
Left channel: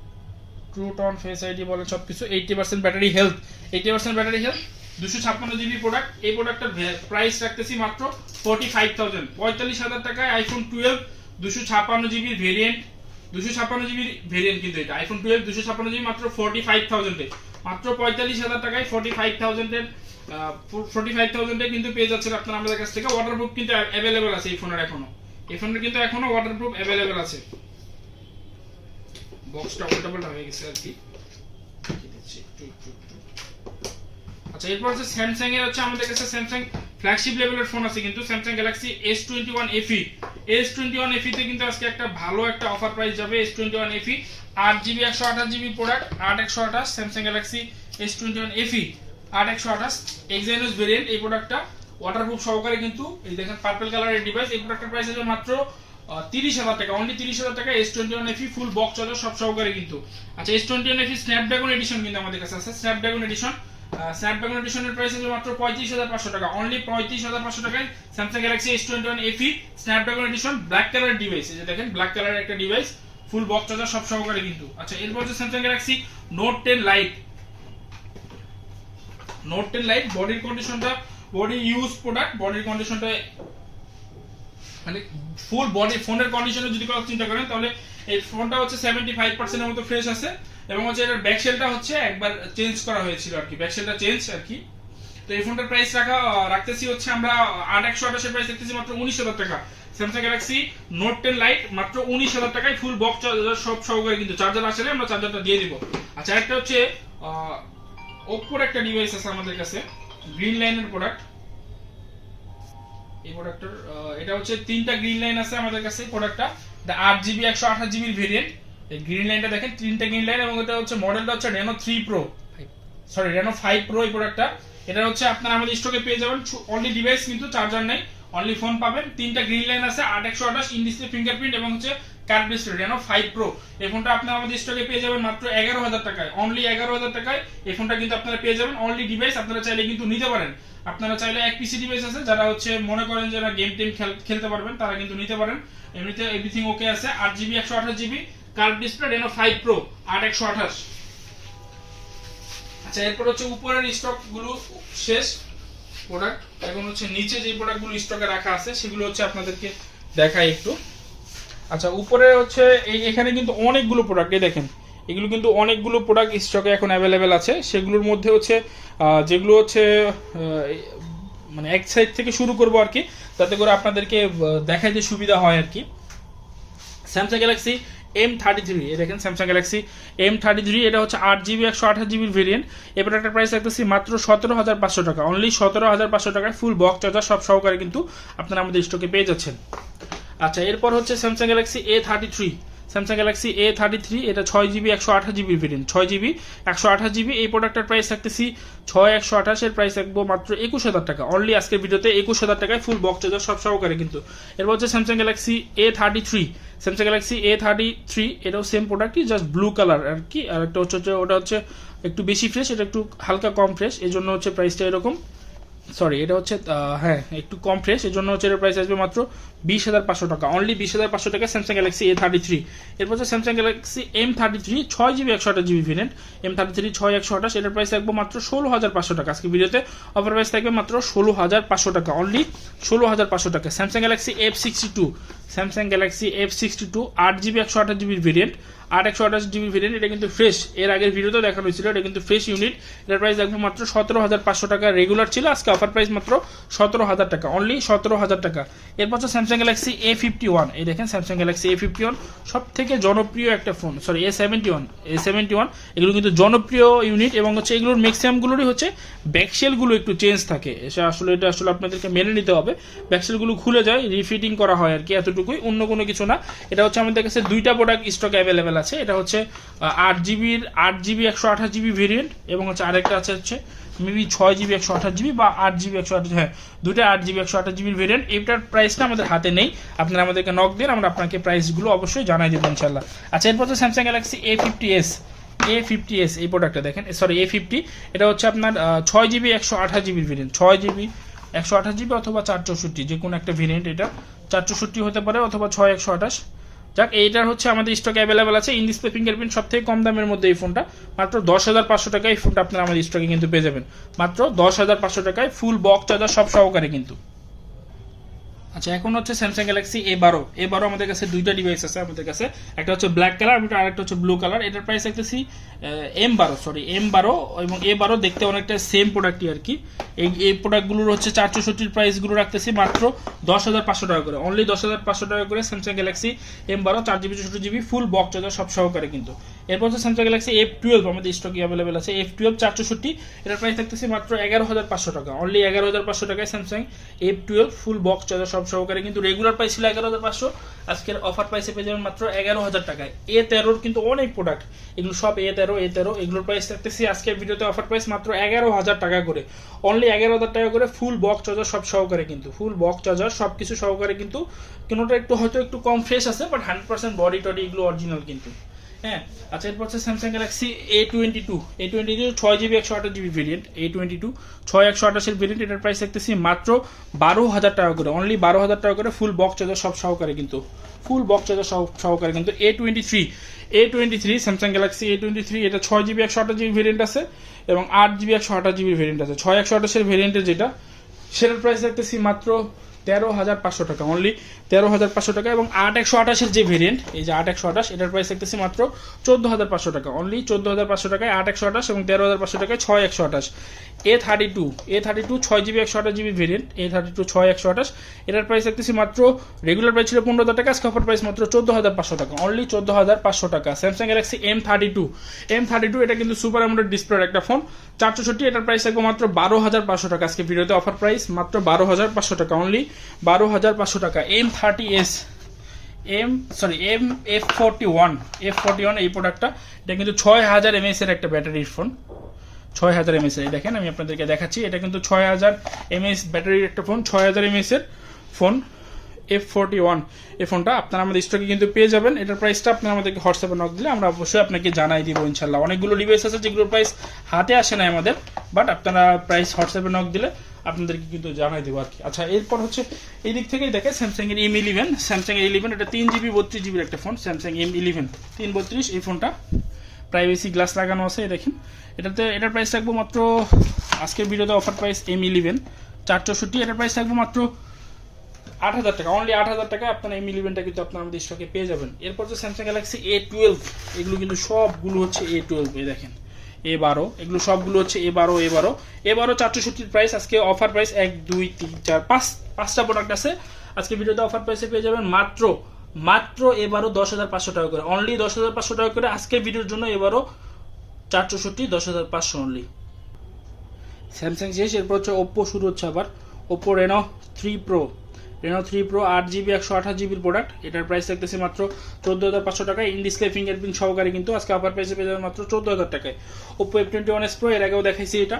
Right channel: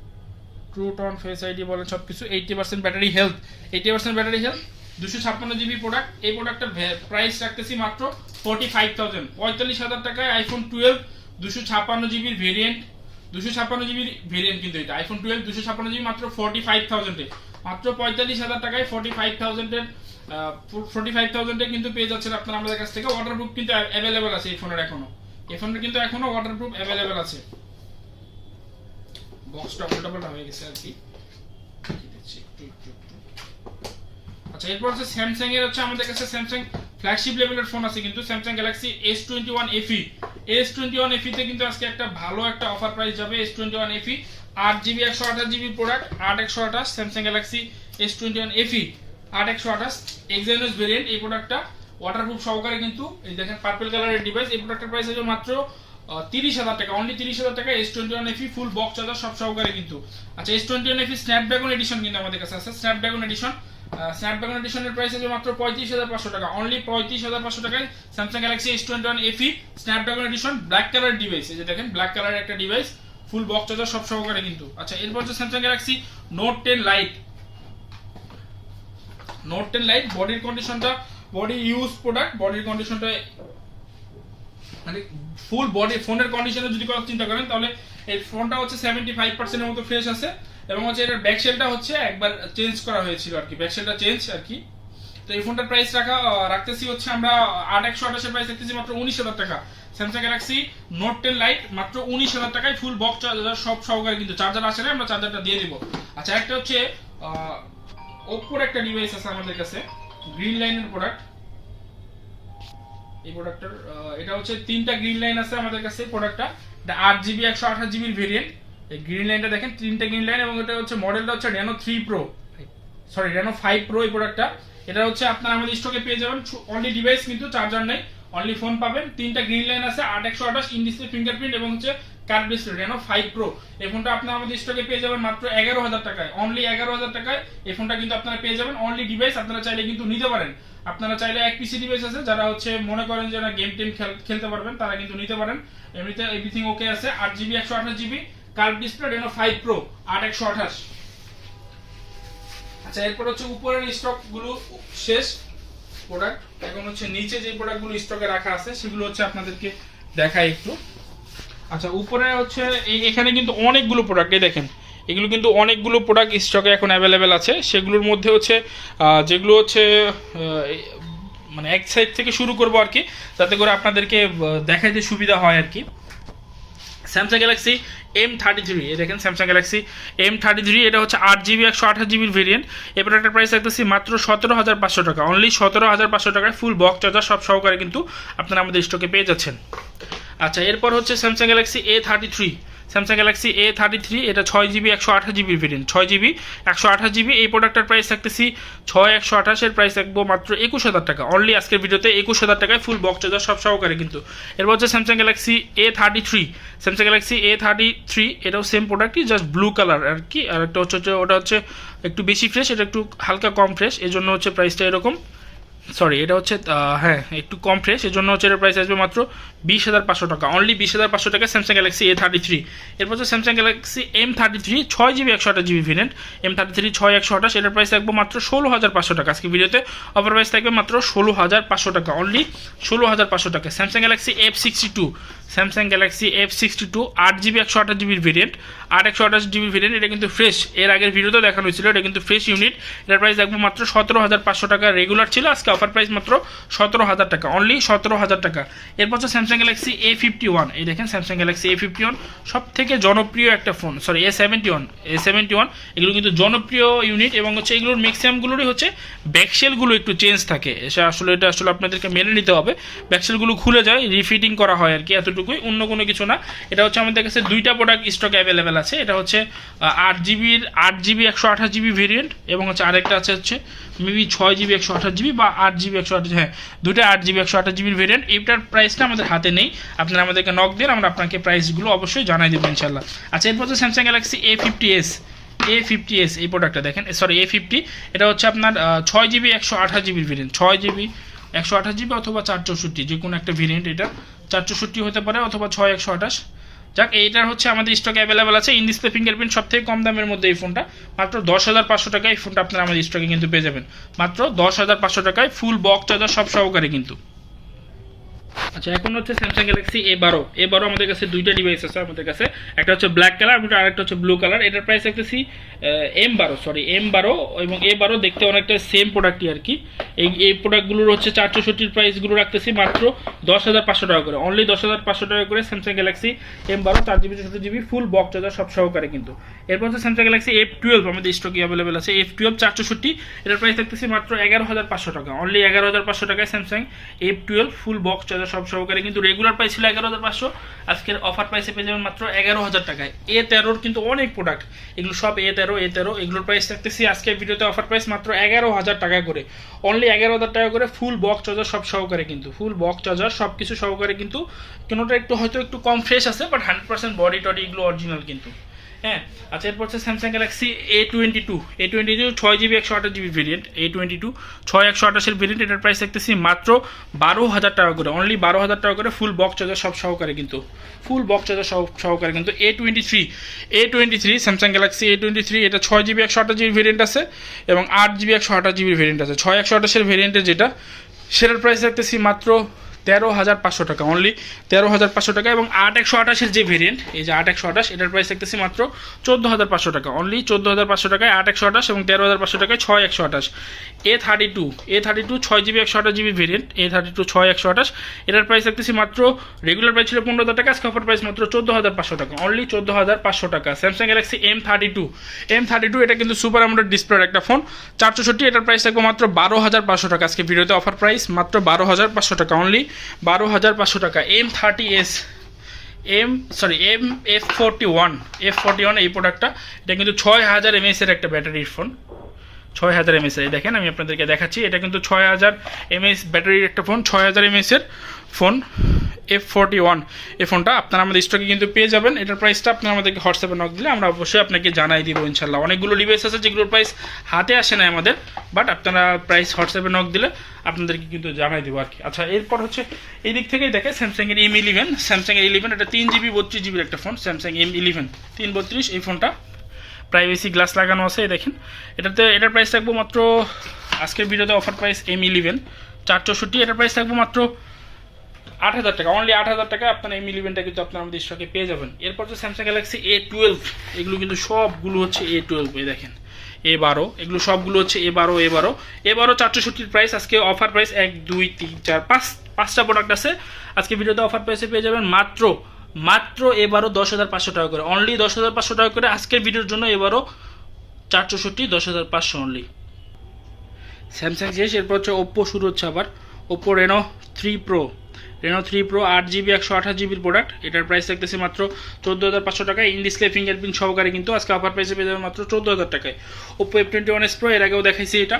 ট্রু টোন ফেস আইডি বলেন সবকিছু। 80% ব্যাটারি হেলথ, 256 জিবি প্রোডাক্ট। এই প্রোডাক্টের প্রাইস রাখতেছি মাত্র 45,000, 45,000 টাকায় আইফোন 12 256 জিবির ভেরিয়েন্ট। 256 জিবির ভেরিয়েন্ট কিন্তু এটা আইফোন 12 256 জিবি মাত্র 45,000 এ, মাত্র 45,000 টাকায় 45,000 কিন্তু পেয়ে যাচ্ছেন আপনারা আমাদের কাছ থেকে। ওয়াটারপ্রুফ কিন্তু অ্যাভেলেবল আছে এই ফোনের, কিন্তু এখনো ওয়াটারপ্রুফ অ্যাভেলেবল আছে। বক্সটা উল্টাপাল্টা হয়ে গেছে আর কি। আচ্ছা এরপর হচ্ছে স্যামসাং এর হচ্ছে আমাদের কাছে স্যামসাং ফ্ল্যাগশিপ লেভেলের ফোন আছে কিন্তু, Samsung Galaxy S21 FE। S21 FE তে কিন্তু আজকে একটা ভালো একটা অফার প্রাইস যাবে। S21 FE 8GB 128GB product, 8128 Samsung Galaxy S21 FE 8128 Exynos variant. এই প্রোডাক্টটা ওয়াটারপ্রুফ সহকারে কিন্তু। এই দেখেন পার্পল কালারের ডিভাইস। এই প্রোডাক্টের প্রাইস আছে মাত্র 30,000 টাকা, অনলি 30,000 টাকা S21 FE full box charger সব সহকারে কিন্তু। আচ্ছা S21 FE স্ন্যাপড্রাগন এডিশন কিন্তু আমাদের কাছে আছে, স্ন্যাপড্রাগন এডিশনের প্রাইস আছে মাত্র 35,500 টাকা, অনলি 35,500 টাকায় Samsung Galaxy S21 FE Snapdragon addition black colour device. এই যে দেখেন ব্ল্যাক কালারের একটা ডিভাইস ফুল বক্স চার্জার সব সহকারে কিন্তু। আচ্ছা এরপর হচ্ছে স্যামসাং গ্যালাক্সি নোট 10 লাইট। বডির কন্ডিশনটা বডি ইউজ প্রোডাক্ট, বডির কন্ডিশনটা মানে ফুল বডি ফোনের কন্ডিশনে যদি কথা চিন্তা করেন তাহলে এই ফোনটা হচ্ছে 75% এর মতো ফ্রেশ আছে। এবং হচ্ছে এটার ব্যাকশেলটা হচ্ছে একবার চেঞ্জ করা হয়েছিল আর কি, ব্যাকশেলটা চেঞ্জ আর কি। তো এই ফোনটার প্রাইস রাখতেছি হচ্ছে আমরা 8128 এর প্রাইস রাখতেছি মাত্র 19,000 টাকা। স্যামসাং গ্যালাক্সি নোট 10 লাইট মাত্র 19,000 টাকায় ফুল বক্স চার্জার সব সহকারে কিন্তু। চার্জার আসলে আমরা চার্জারটা দিয়ে দিব। আচ্ছা একটা হচ্ছে ওপ্পোর একটা ডিভাইস আছে আমাদের কাছে, গ্রিন লাইনের প্রোডাক্ট। এই প্রোডাক্টটার এটা হচ্ছে 3টা গ্রিন লাইন আছে আমাদের কাছে প্রোডাক্টটা। এটা 8GB 128GB এর ভেরিয়েন্ট। এই গ্রিন লাইনটা দেখেন 3টা গ্রিন লাইন, এবং এটা হচ্ছে মডেলটা হচ্ছে Reno 5 Pro এই প্রোডাক্টটা। এটা হচ্ছে আপনারা আমাদের স্টকে পেয়ে যাবেন, অনলি ডিভাইস কিন্তু চার্জার নেই, অনলি ফোন পাবেন। 3টা গ্রিন লাইন আছে, 8128 ইন ডিসপ্লে ফিঙ্গারপ্রিন্ট এবং হচ্ছে কার্ভ ডিসপ্লে। Reno 5 Pro এই ফোনটা আপনারা আমাদের স্টকে পেয়ে যাবেন মাত্র 11,000 টাকায়, অনলি 11,000 টাকায় এই ফোনটা কিন্তু আপনারা পেয়ে যাবেন। অনলি ডিভাইস আপনারা চাইলে কিন্তু নিতে পারেন। আপনারা চাইলে এক পিসি ডিভাইস আছে, যারা হচ্ছে মনে করেন যে না গেম টেম খেলতে পারবেন তারা কিন্তু নিতে পারেন। এমনিতে এভরিথিং ওকে আছে। 8GB 128GB curve display Reno 5 Pro 8128। আচ্ছা এরপর হচ্ছে উপরের স্টক গুলো শেষ প্রোডাক্ট, এখন হচ্ছে নিচে যে প্রোডাক্ট গুলো স্টকে রাখা আছে সেগুলো হচ্ছে আপনাদেরকে দেখাই একটু। আচ্ছা উপরে হচ্ছে এখানে কিন্তু অনেকগুলো প্রোডাক্ট, এই দেখেন এগুলো কিন্তু অনেকগুলো প্রোডাক্ট স্টকে এখন অ্যাভেলেবেল আছে। সেগুলোর মধ্যে হচ্ছে যেগুলো হচ্ছে মানে এক সাইড থেকে শুরু করবো আর কি, যাতে করে আপনাদেরকে দেখাইতে সুবিধা হয় আর কি। স্যামসাং গ্যালাক্সি M33, এই দেখেন স্যামসাং গ্যালাক্সি M33, এটা হচ্ছে 8GB 128GB ভেরিয়েন্ট। এই প্রোডাক্টের প্রাইস রাখতেছি মাত্র 17,500 টাকা, অনলি 17,500 টাকায় ফুল বক্স চার্জার সব সহকারে কিন্তু আপনারা আমাদের স্টকে পেয়ে যাচ্ছেন। আচ্ছা এরপর হচ্ছে স্যামসাং গ্যালাক্সি A33, এটা 6GB 128GB variant, 6GB 128GB। এই প্রোডাক্টের প্রাইস রাখতেছি 6,128, এর প্রাইস রাখবো মাত্র 21,000 টাকা, অনলি আজকের ভিডিওতে 21,000 টাকায় ফুল বক্স চার্জার সব সহকারে কিন্তু। এরপর হচ্ছে স্যামসাং গ্যালাক্সি A33, এটাও সেম প্রোডাক্টই, জাস্ট ব্লু কালার আর কি। আর একটা হচ্ছে ওটা হচ্ছে একটু বেশি ফ্রেশ, এটা একটু হালকা কম ফ্রেশ, এই জন্য হচ্ছে প্রাইসটা এরকম। সরি এটা হচ্ছে হ্যাঁ একটু কম ফ্রেশ, এই জন্য হচ্ছে এর প্রাইস আসবে মাত্র 20,500 টাকা, অনলি 20,500 টাকা স্যামসাং গ্যালাক্সি A33। এরপর হচ্ছে Samsung Galaxy M33, 6GB 128GB variant, M33 6,128, এটার প্রাইস থাকবে মাত্র 16,500 টাকা। আজকে ভিডিওতে অফার প্রাইস থাকবে মাত্র 16,500 টাকা, অনলি 16,500 টাকা। Samsung Galaxy F62, 8GB 128GB variant, 128GB variant, এটা কিন্তু ফ্রেশ, এর আগের ভিডিওতে দেখানো হয়েছিল, এটা কিন্তু ফ্রেশ ইউনিট। এটার প্রাইস থাকবে মাত্র 17,500 টাকা, রেগুলার ছিল, আজকে অফার প্রাইস মাত্র 17,000 টাকা, অনলি 17,000 টাকা। এরপর হচ্ছে স্যামসাং স্যামসাং গ্যালাক্সি A51, এই দেখেন স্যামসাং গ্যালাক্সি A51 সব থেকে জনপ্রিয় একটা ফোন, সরি A71 এগুলো কিন্তু জনপ্রিয় ইউনিট এবং হচ্ছে এগুলোর ম্যাক্সিমামগুলোরই হচ্ছে ব্যাকশেলগুলো একটু চেঞ্জ থাকে। এটা আসলে আপনাদেরকে মেনে নিতে হবে, ব্যাকশেলগুলো খুলে যায়, রিফিটিং করা হয় আর কি, এতটুকুই, অন্য কোনো কিছু না। এটা হচ্ছে আমাদের কাছে দুইটা প্রোডাক্ট স্টক অ্যাভেলেবেল আছে। এটা হচ্ছে 8GB 128GB ভেরিয়েন্ট এবং হচ্ছে আরেকটা হচ্ছে মেবি 6GB 128GB বা 8GB 128, হ্যাঁ দুটো 8GB 128GB ভেরিয়েন্ট। এইটার প্রাইসটা আমাদের হাতে নেই, আপনারা আমাদেরকে নক দিন, আমরা আপনাকে প্রাইসগুলো অবশ্যই জানাই দেবো ইনশাল্লাহ। আচ্ছা, এরপর হচ্ছে স্যামসাং গ্যালাক্সি A50s এই প্রোডাক্টটা দেখেন, সরি A50, এটা হচ্ছে আপনার 6GB 128GB variant, 6GB 128GB অথবা 464, যে কোনো একটা ভেরিয়েন্ট। এটা 464 হতে পারে অথবা 6128। যাক, এইটার হচ্ছে আমাদের স্টক অ্যাভেলেবেল আছে। ইন ডিসপ্লে ফিঙ্গারপ্রিন্ট, সব থেকে কম দামের মধ্যে এই ফোনটা মাত্র 10,500 টাকায় এই ফোনটা আপনারা আমাদের স্টকে কিন্তু পেয়ে যাবেন, মাত্র 10,500 টাকায়, ফুল বক্স চার্জার সব সহকারে কিন্তু। আচ্ছা, এখন হচ্ছে স্যামসাং গ্যালাক্সি A12 আমাদের কাছে দুইটা ডিভাইস আছে আমাদের কাছে, একটা হচ্ছে ব্ল্যাক কালার এবং আরেকটা হচ্ছে ব্লু কালার। এটার প্রাইস রাখতেছি M12 এবং A12 দেখতে অনেকটা সেম প্রোডাক্টই আর কি। এই প্রোডাক্টগুলোর হচ্ছে 464 প্রাইসগুলো রাখতেছি মাত্র 10,500 টাকা করে, অনলি 10,500 টাকা করে Samsung Galaxy M12 4GB 64GB full box charger সব সহকারে কিন্তু। এরপর হচ্ছে স্যামসাং গ্যালাক্সি F12 আমাদের স্টকে অ্যাভেলেবেল আছে, F12 464, এটার প্রাইস রাখতেছি মাত্র 11,500 টাকা, অনলি 11,500 টাকায় Samsung F12 full box charger সব সহকারে কিন্তু। রেগুলার প্রাইস ছিল 11,500, আজকের অফার প্রাইসে পেয়ে যাবেন মাত্র 11,000 টাকায়। A13 কিন্তু অনেক প্রোডাক্ট, এগুলো সব A13, এগুলোর প্রাইস রাখতেছি আজকের ভিডিওতে অফার প্রাইস মাত্র 11,000 টাকা করে, অনলি 11,000 টাকা করে ফুল বক্স চার্জার সব সহকারে কিন্তু, ফুল বক্স চার্জার সব কিছু সহকারে কিন্তু। কোনোটা হয়তো একটু কম ফ্রেশ আছে, বাট 100% বডি টডি এগুলো অরিজিনাল কিন্তু, হ্যাঁ। আচ্ছা, এরপর হচ্ছে Samsung Galaxy A22 6GB 128GB variant, A22 6128 variant. এটার প্রাইস দেখতেছি মাত্র 12,000 টাকা করে, অনলি 12,000 টাকা করে ফুল বক্স চার্জার সব সহকারে কিন্তু, ফুল বক্স চার্জার সহকারে কিন্তু। A23 স্যামসাং গ্যালাক্সি A23, এটা 6GB 128GB ভেরিয়েন্ট আছে এবং 8GB 128GB ভেরিয়েন্ট আছে। 6128 ভেরিয়েন্টের যেটা, সেটার প্রাইস দেখতেছি মাত্র 13,500 টাকা, অনলি 13,500 টাকা। এবং 8/128 যে ভেরিয়েন্ট, এই যে 8/128, এটার প্রাইস দেখতেছি মাত্র 14,500 টাকা, অনলি 14,500 টাকায় 8/128 এবং 13,500 টাকায় 6/128। A32 6GB 128GB variant, A32 6/128, এটার প্রাইস দেখতেছি মাত্র, রেগুলার প্রাইস ছিল 15,000 টাকা, আজকে অফার প্রাইস মাত্র 14,500 টাকা, অনলি 14,500 টাকা। স্যামসাং গ্যালাক্সি M32, এটা কিন্তু সুপার অ্যামোলেড ডিসপ্লের একটা ফোন, 464, এটার প্রাইস থাকবে মাত্র 12,500 টাকা, আজকে ভিডিওতে অফার প্রাইস মাত্র 12,500 টাকা, অনলি 12,500 টাকা। F41 এই প্রোডাক্টটা, এটা কিন্তু 6,000 mAh এর একটা ব্যাটারির ফোন, 6,000 mAh এর, দেখেন আমি আপনাদেরকে দেখাচ্ছি, এটা কিন্তু 6,000 mAh ব্যাটারির একটা ফোন, 6,000 mAh এর ফোন F41। এই ফোনটা আপনারা আমাদের স্টকে কিন্তু পেয়ে যাবেন। এটার প্রাইসটা আপনারা আমাদেরকে হোয়াটসঅ্যাপে নক দিলে আমরা অবশ্যই আপনাকে জানাই দিব ইনশাল্লাহ। অনেকগুলো ডিভাইস আছে যেগুলোর প্রাইস হাতে আসে না আমাদের, বাট আপনারা প্রাইস হোয়াটসঅ্যাপে নক দিলে আপনাদেরকে কিন্তু জানাই দেবো আর কি। আচ্ছা, এরপর হচ্ছে এই দিক থেকেই দেখে স্যামসাং এর M11, এটা 3GB 32GB একটা ফোন, স্যামসাং M11 332, এই ফোনটা প্রাইভেসি গ্লাস লাগানো আছে, দেখেন। এটার প্রাইস থাকবো মাত্র, আজকের ভিডিওতে অফার প্রাইস M11 464, এটার প্রাইস থাকবো মাত্র 8,000 টাকা, অনলি 8,000 টাকা আপনারা M11টা কিন্তু আপনারা আমাদের স্টকে পেয়ে যাবেন। এরপর তো স্যামসাং গ্যালাক্সি A12, এগুলো কিন্তু সবগুলো হচ্ছে A12, এই দেখেন A12, এগুলো সবগুলো হচ্ছে A12 464 প্রাইস, আজকে অফার প্রাইস 1 2 3 4 5টা প্রোডাক্ট আছে আজকে ভিডিওতে অফার প্রাইসে পেয়ে যাবেন মাত্র A12 10,500 টাকা করে, অনলি 10,500 টাকা করে আজকের ভিডিওর জন্য। A12 464 10,500 only. স্যামসাং শেষ, এরপর হচ্ছে ওপ্পো শুরু হচ্ছে আবার, Oppo Reno 3 Pro 8GB 128GB product, এটার প্রাইস থাকতেছে মাত্র 14,500 টাকায়, ইন ডিসপ্লে ফিঙ্গারপ্রিন্ট সহকারে কিন্তু আজকে অফার প্রাইসে পেয়ে যাবেন মাত্র 14,000 টাকায়। ওপ্পো F21s Pro, এর আগেও দেখাইছি, এটা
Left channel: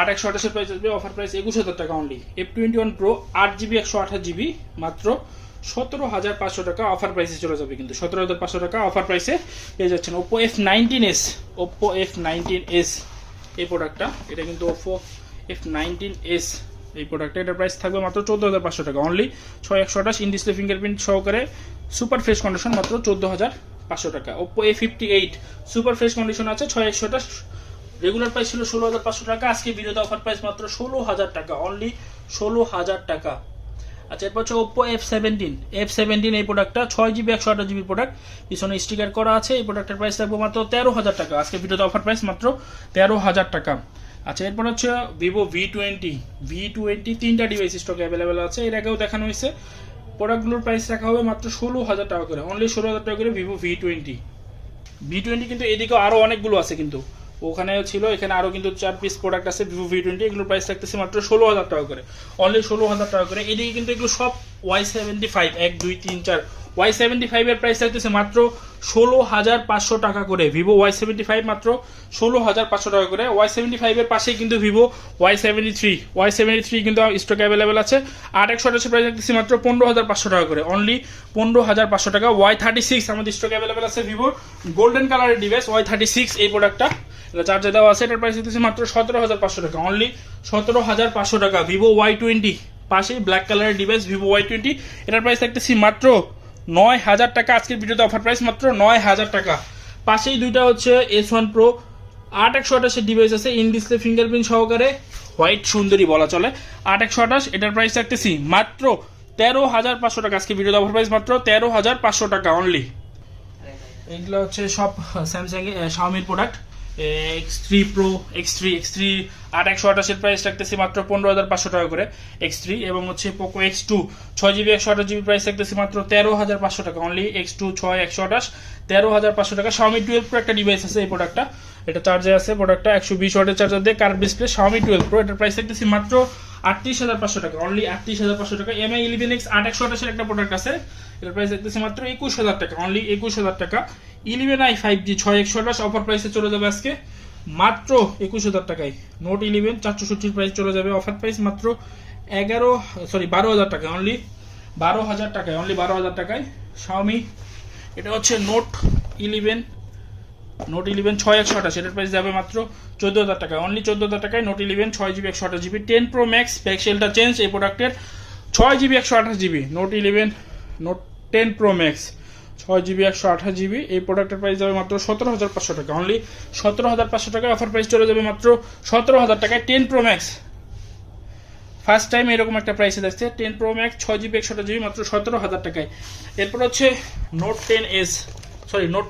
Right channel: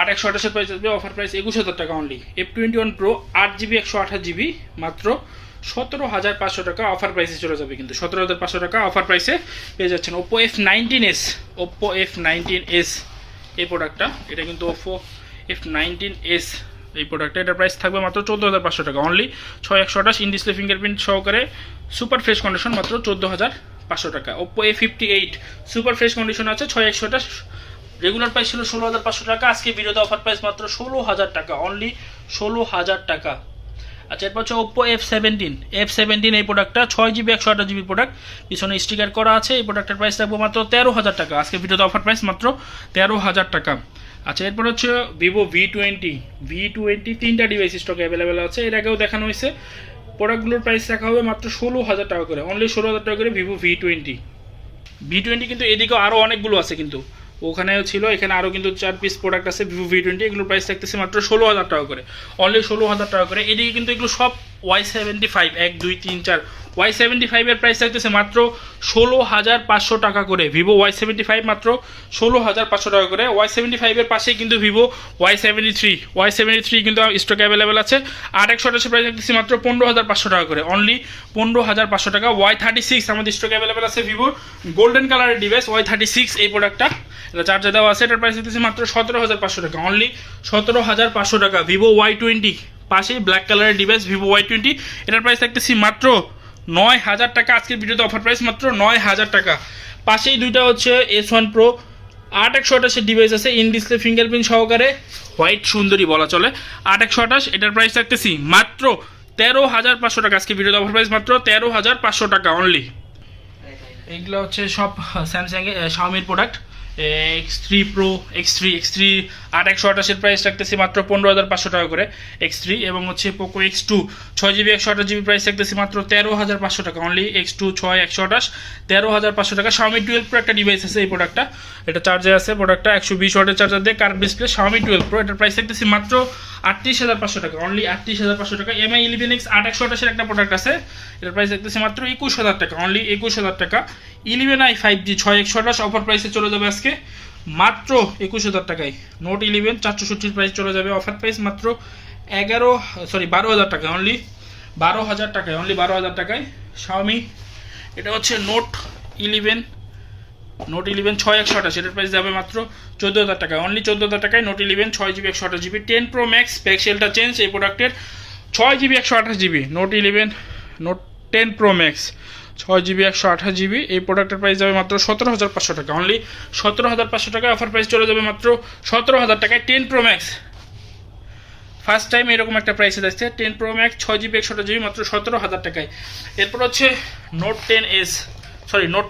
8/128 প্রাইস আসবে, অফার প্রাইস 21,000 টাকা only. F21 Pro 8GB 128GB মাত্র 17,500 টাকা, অফার প্রাইসে চলে যাবে কিন্তু, 17,500 টাকা অফার প্রাইসে পেয়ে যাচ্ছেন। ওপ্পো F19s এই প্রোডাক্টটা, এটা কিন্তু ওপ্পো F19s এই প্রোডাক্টটা, এটার প্রাইস থাকবে মাত্র 14,500 টাকা, অনলি 6/128 ইন ডিসপ্লে ফিঙ্গারপ্রিন্ট সহকারে, সুপার ফ্রেশ কন্ডিশন, মাত্র 14,500 টাকা। Oppo A58 super fresh condition আছে, 6/128, রেগুলার প্রাইস ছিল 16,500 টাকা, আজকে ভিডিওতে অফার প্রাইস মাত্র 16,000 টাকা, অনলি 16,000 টাকা। আচ্ছা, এরপর হচ্ছে ওপ্পো F17 এই প্রোডাক্টটা 6GB 128GB প্রোডাক্ট, পিছনে স্টিকার করা আছে, এই প্রোডাক্টের প্রাইস থাকবে মাত্র 13,000 টাকা, আজকে ভিডিওতে অফার প্রাইস মাত্র 13,000 টাকা। আচ্ছা, এরপর হচ্ছে ভিভো ভি টোয়েন্টি তিনটা ডিভাইস স্টকে অ্যাভেলেবেল আছে। এর আগেও দেখানো হয়েছে। প্রোডাক্টগুলোর প্রাইস রাখা হবে মাত্র 16,000 টাকা করে, অনলি 16,000 টাকা করে ভিভো ভি টোয়েন্টি। কিন্তু এদিকেও আরও অনেকগুলো আছে, কিন্তু ওখানেও ছিল, এখানে আরও কিন্তু 4 পিস প্রোডাক্ট আছে ভিভো ভি টোয়েন্টি। এগুলোর প্রাইস থাকতেছে মাত্র 16,000 টাকা করে, অনলি 16,000 টাকা করে। এদিকে কিন্তু এগুলো সব Y75 1 2 3 4 Y75 এর প্রাইস থাকতেছে মাত্র 16,500 টাকা করে। ভিভো Y75 মাত্র 16,500 টাকা করে। Y75 এর পাশে কিন্তু ভিভো Y73 কিন্তু স্টক অ্যাভেলেবেল আছে। 8/128 প্রাইস থাকতেছে মাত্র 15,500 টাকা করে, অনলি 15,500 টাকা। Y36 আমাদের স্টক অ্যাভেলেবেল আছে ভিভোর গোল্ডেন কালারের ডিভাইস Y36 এই প্রোডাক্টটা, এটা চার্জে দেওয়া আছে। এটার প্রাইস থাকতেছে মাত্র 17,500 টাকা, অনলি 17,500 টাকা। ভিভো Y20 পাশে ব্ল্যাক কালারের ডিভাইস ভিভো Y20, এটার প্রাইস থাকতেছি মাত্র 9,000 টাকা। আজকের ভিডিওতে অফার প্রাইস মাত্র 9,000 টাকা। পাশেই দুইটা হচ্ছে S1 Pro 8/128 ডিভাইস আছে, ইন ডিসপ্লে ফিঙ্গারপ্রিন্ট সহকারে, হোয়াইট সুন্দরী বলা চলে। 8/128 এটার প্রাইস থাকতেছি মাত্র 13,500 টাকা। আজকে ভিডিওতে অফার প্রাইস মাত্র 13,500 টাকা অনলি। এইগুলো হচ্ছে সব স্যামসাং শাওমির product. X3 Pro X3 8/128 price রাখতেছি মাত্র 15,500 টাকা করে X3, এবং হচ্ছে Poco X2 6GB 128GB price রাখতেছি মাত্র 13,500 টাকা অনলি। X2 6 128 13,500 টাকা। Xiaomi 12 Pro একটা ডিভাইস আছে এই প্রোডাক্টটা, এটা চার্জে আছে। প্রোডাক্টটা 120 ওয়াটের চার্জার দিয়ে কার্ভ ডিসপ্লে Xiaomi 12 Pro, এটার প্রাইস রাখতেছি মাত্র 38,500 টাকা অনলি 38,500 টাকা। MI 11X 8/128 একটা প্রোডাক্ট আছে, এটার প্রাইস রাখতেছি মাত্র 21,000 টাকা অনলি 21,000 টাকা। 11i 5G 6/128 অফার প্রাইসে চলে যাবে আজকে মাত্র 21,000 টাকায়। নোট 11 464 প্রাইস চলে যাবে, অফার প্রাইস মাত্র 12,000 টাকা অনলি 12,000 টাকায়, অনলি 12,000 টাকায়। Xiaomi এটা হচ্ছে নোট 11 6 128, এটার প্রাইস যাবে মাত্র 14,000 টাকায়, অনলি 14,000 টাকায়। Note 11 6GB 128GB 10 Pro Max ব্যাকসেলটা চেঞ্জ এই প্রোডাক্টের 6GB 128GB note 10 Pro Max 6GB 128GB এই প্রোডাক্টের প্রাইস যাবে মাত্র 17,500 টাকা, অনলি 17,500 টাকায়। অফার প্রাইস চলে যাবে মাত্র 17,000 টাকায় 10 Pro Max। ফার্স্ট টাইম এরকম একটা প্রাইসে যাচ্ছে 10 Pro Max 6GB 128GB মাত্র 17,000 টাকায়। এরপর হচ্ছে নোট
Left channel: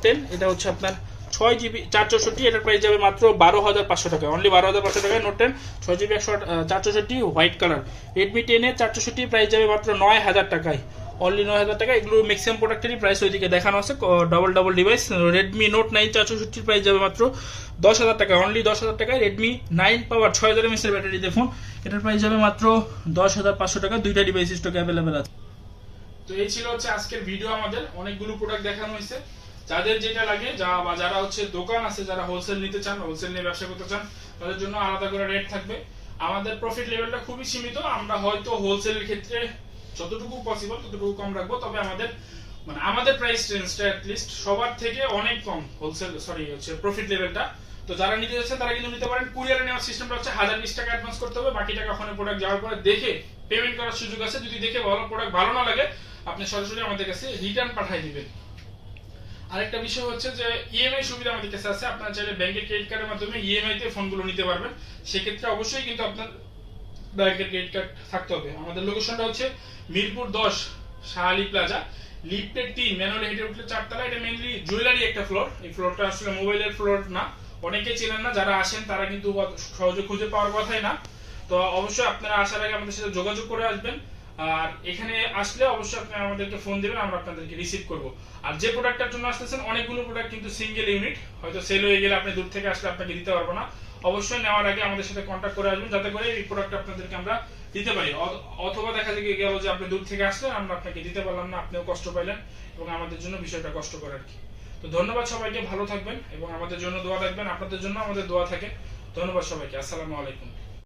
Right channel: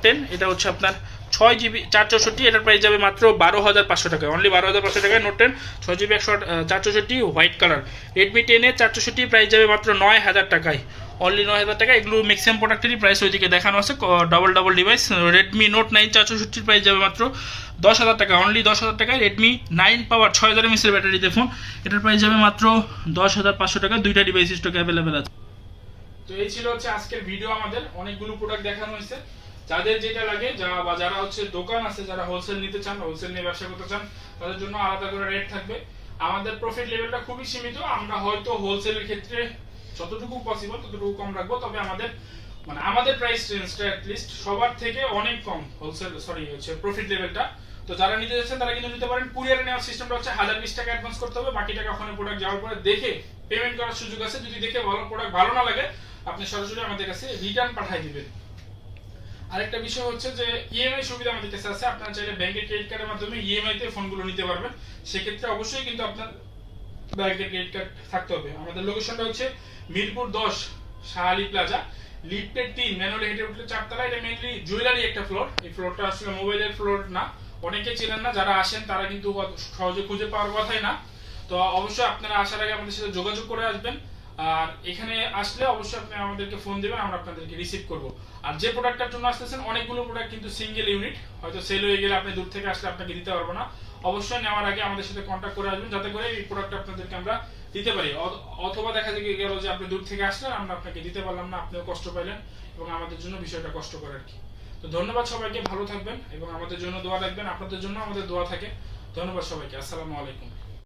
10, এটা হচ্ছে আপনার 6GB 464, এটার প্রাইস যাবে মাত্র 12,500 টাকায়, অনলি 12,500 টাকায়। Note 10 6GB 464 white colour. Redmi 10 এর 464 প্রাইস যাবে মাত্র 9,000 টাকায়, অনলি 9,000 টাকা। এগুলো ম্যাক্সিমাম প্রোডাক্টেরই প্রাইস ওইদিকে দেখানো আছে, double device. Redmi Note 9 464 price যাবে মাত্র 10,000 টাকা, অনলি 10,000 টাকায়। Redmi 9 পাওয়ার 6000 mAh এর ব্যাটারি দিয়ে ফোন, এটার প্রাইস যাবে মাত্র 10,500 টাকা। দুইটা ডিভাইস স্টকে অ্যাভেলেবেল আছে। তো এই ছিল হচ্ছে আজকের ভিডিও, আমাদের অনেকগুলো প্রোডাক্ট দেখানো হয়েছে। যাদের যেটা লাগে বা যারা হচ্ছে দোকান আছে, যারা হোলসেল নিতে চান, হোলসেল নিয়ে ব্যবসা করতে চান, তাদের জন্য আলাদা করে রেট থাকবে। আমাদের প্রফিট লেভেলটা খুবই সীমিত, আমরা হয়তো হোলসেলের ক্ষেত্রে যতটুকু পসিবল ততটুকু কম রাখবো, তবে আমাদের প্রাইস রেঞ্জটা অ্যাট লিস্ট সবার থেকে অনেক কম হোলসেল হচ্ছে প্রফিট লেভেলটা। তো যারা নিতে যাচ্ছেন তারা কিন্তু নিতে পারেন। কুরিয়ারে নেওয়ার সিস্টেমটা হচ্ছে 1020 টাকা অ্যাডভান্স করতে হবে, বাকি টাকা ওখানে প্রোডাক্ট যাওয়ার পরে দেখে পেমেন্ট করার সুযোগ আছে। যদি দেখে প্রোডাক্ট ভালো না লাগে, আপনি সরাসরি আমাদের কাছে রিটার্ন পাঠিয়ে দিবেন। আরেকটা বিষয় হচ্ছে যে ইএমআই সুবিধা আমাদের কাছে আছে, আপনারা চাইলে ব্যাংকের ক্রেডিট কার্ডের মাধ্যমে ইএমআই তে ফোনগুলো নিতে পারবেন। সেক্ষেত্রে অবশ্যই কিন্তু আপনার ব্যাংকের ক্রেডিট কার্ড থাকতে হবে। আমাদের লোকেশনটা হচ্ছে মিরপুর 10 শাহালি প্লাজা, লিফটের 3, ম্যানুয়াল হেঁটে উঠলে 4 তলা। এটা মেইনলি জুয়েলারি একটা ফ্লোর, এই ফ্লোরটা আসলে মোবাইলের ফ্লোর না, অনেকে চেনেন না, যারা আসেন তারা কিন্তু সহজে খুঁজে পাওয়ার কথাই না। তো অবশ্যই আপনারা আসার আগে আমাদের সাথে যোগাযোগ করে আসবেন, আর এখানে আসলে অবশ্যই আপনি আমাদেরকে ফোন দিবেন, আমরা আপনাদেরকে রিসিভ করব। আর যে প্রোডাক্টটার জন্য আসতেছেন, অনেকগুলো প্রোডাক্ট কিন্তু সিঙ্গেল ইউনিট, হয়তো সেল হয়ে গেলে আপনি দূর থেকে আসলে আপনাকে দিতে পারবো না। অবশ্যই নেওয়ার আগে আমাদের সাথে কন্ট্যাক্ট করে আসবেন, যাতে করে এই প্রোডাক্ট আপনাদেরকে আমরা দিতে পারি। অথবা দেখা গেল যে আপনি দূর থেকে আসলেন, আমরা আপনাকে দিতে পারলাম না, আপনিও কষ্ট পাইলেন, এবং আমাদের জন্য বিষয়টা কষ্টকর আর কি। তো ধন্যবাদ সবাইকে, ভালো থাকবেন এবং আমাদের জন্য দোয়া রাখবেন। আপনাদের জন্য আমাদের দোয়া থাকে। ধন্যবাদ সবাইকে, আসসালামু আলাইকুম।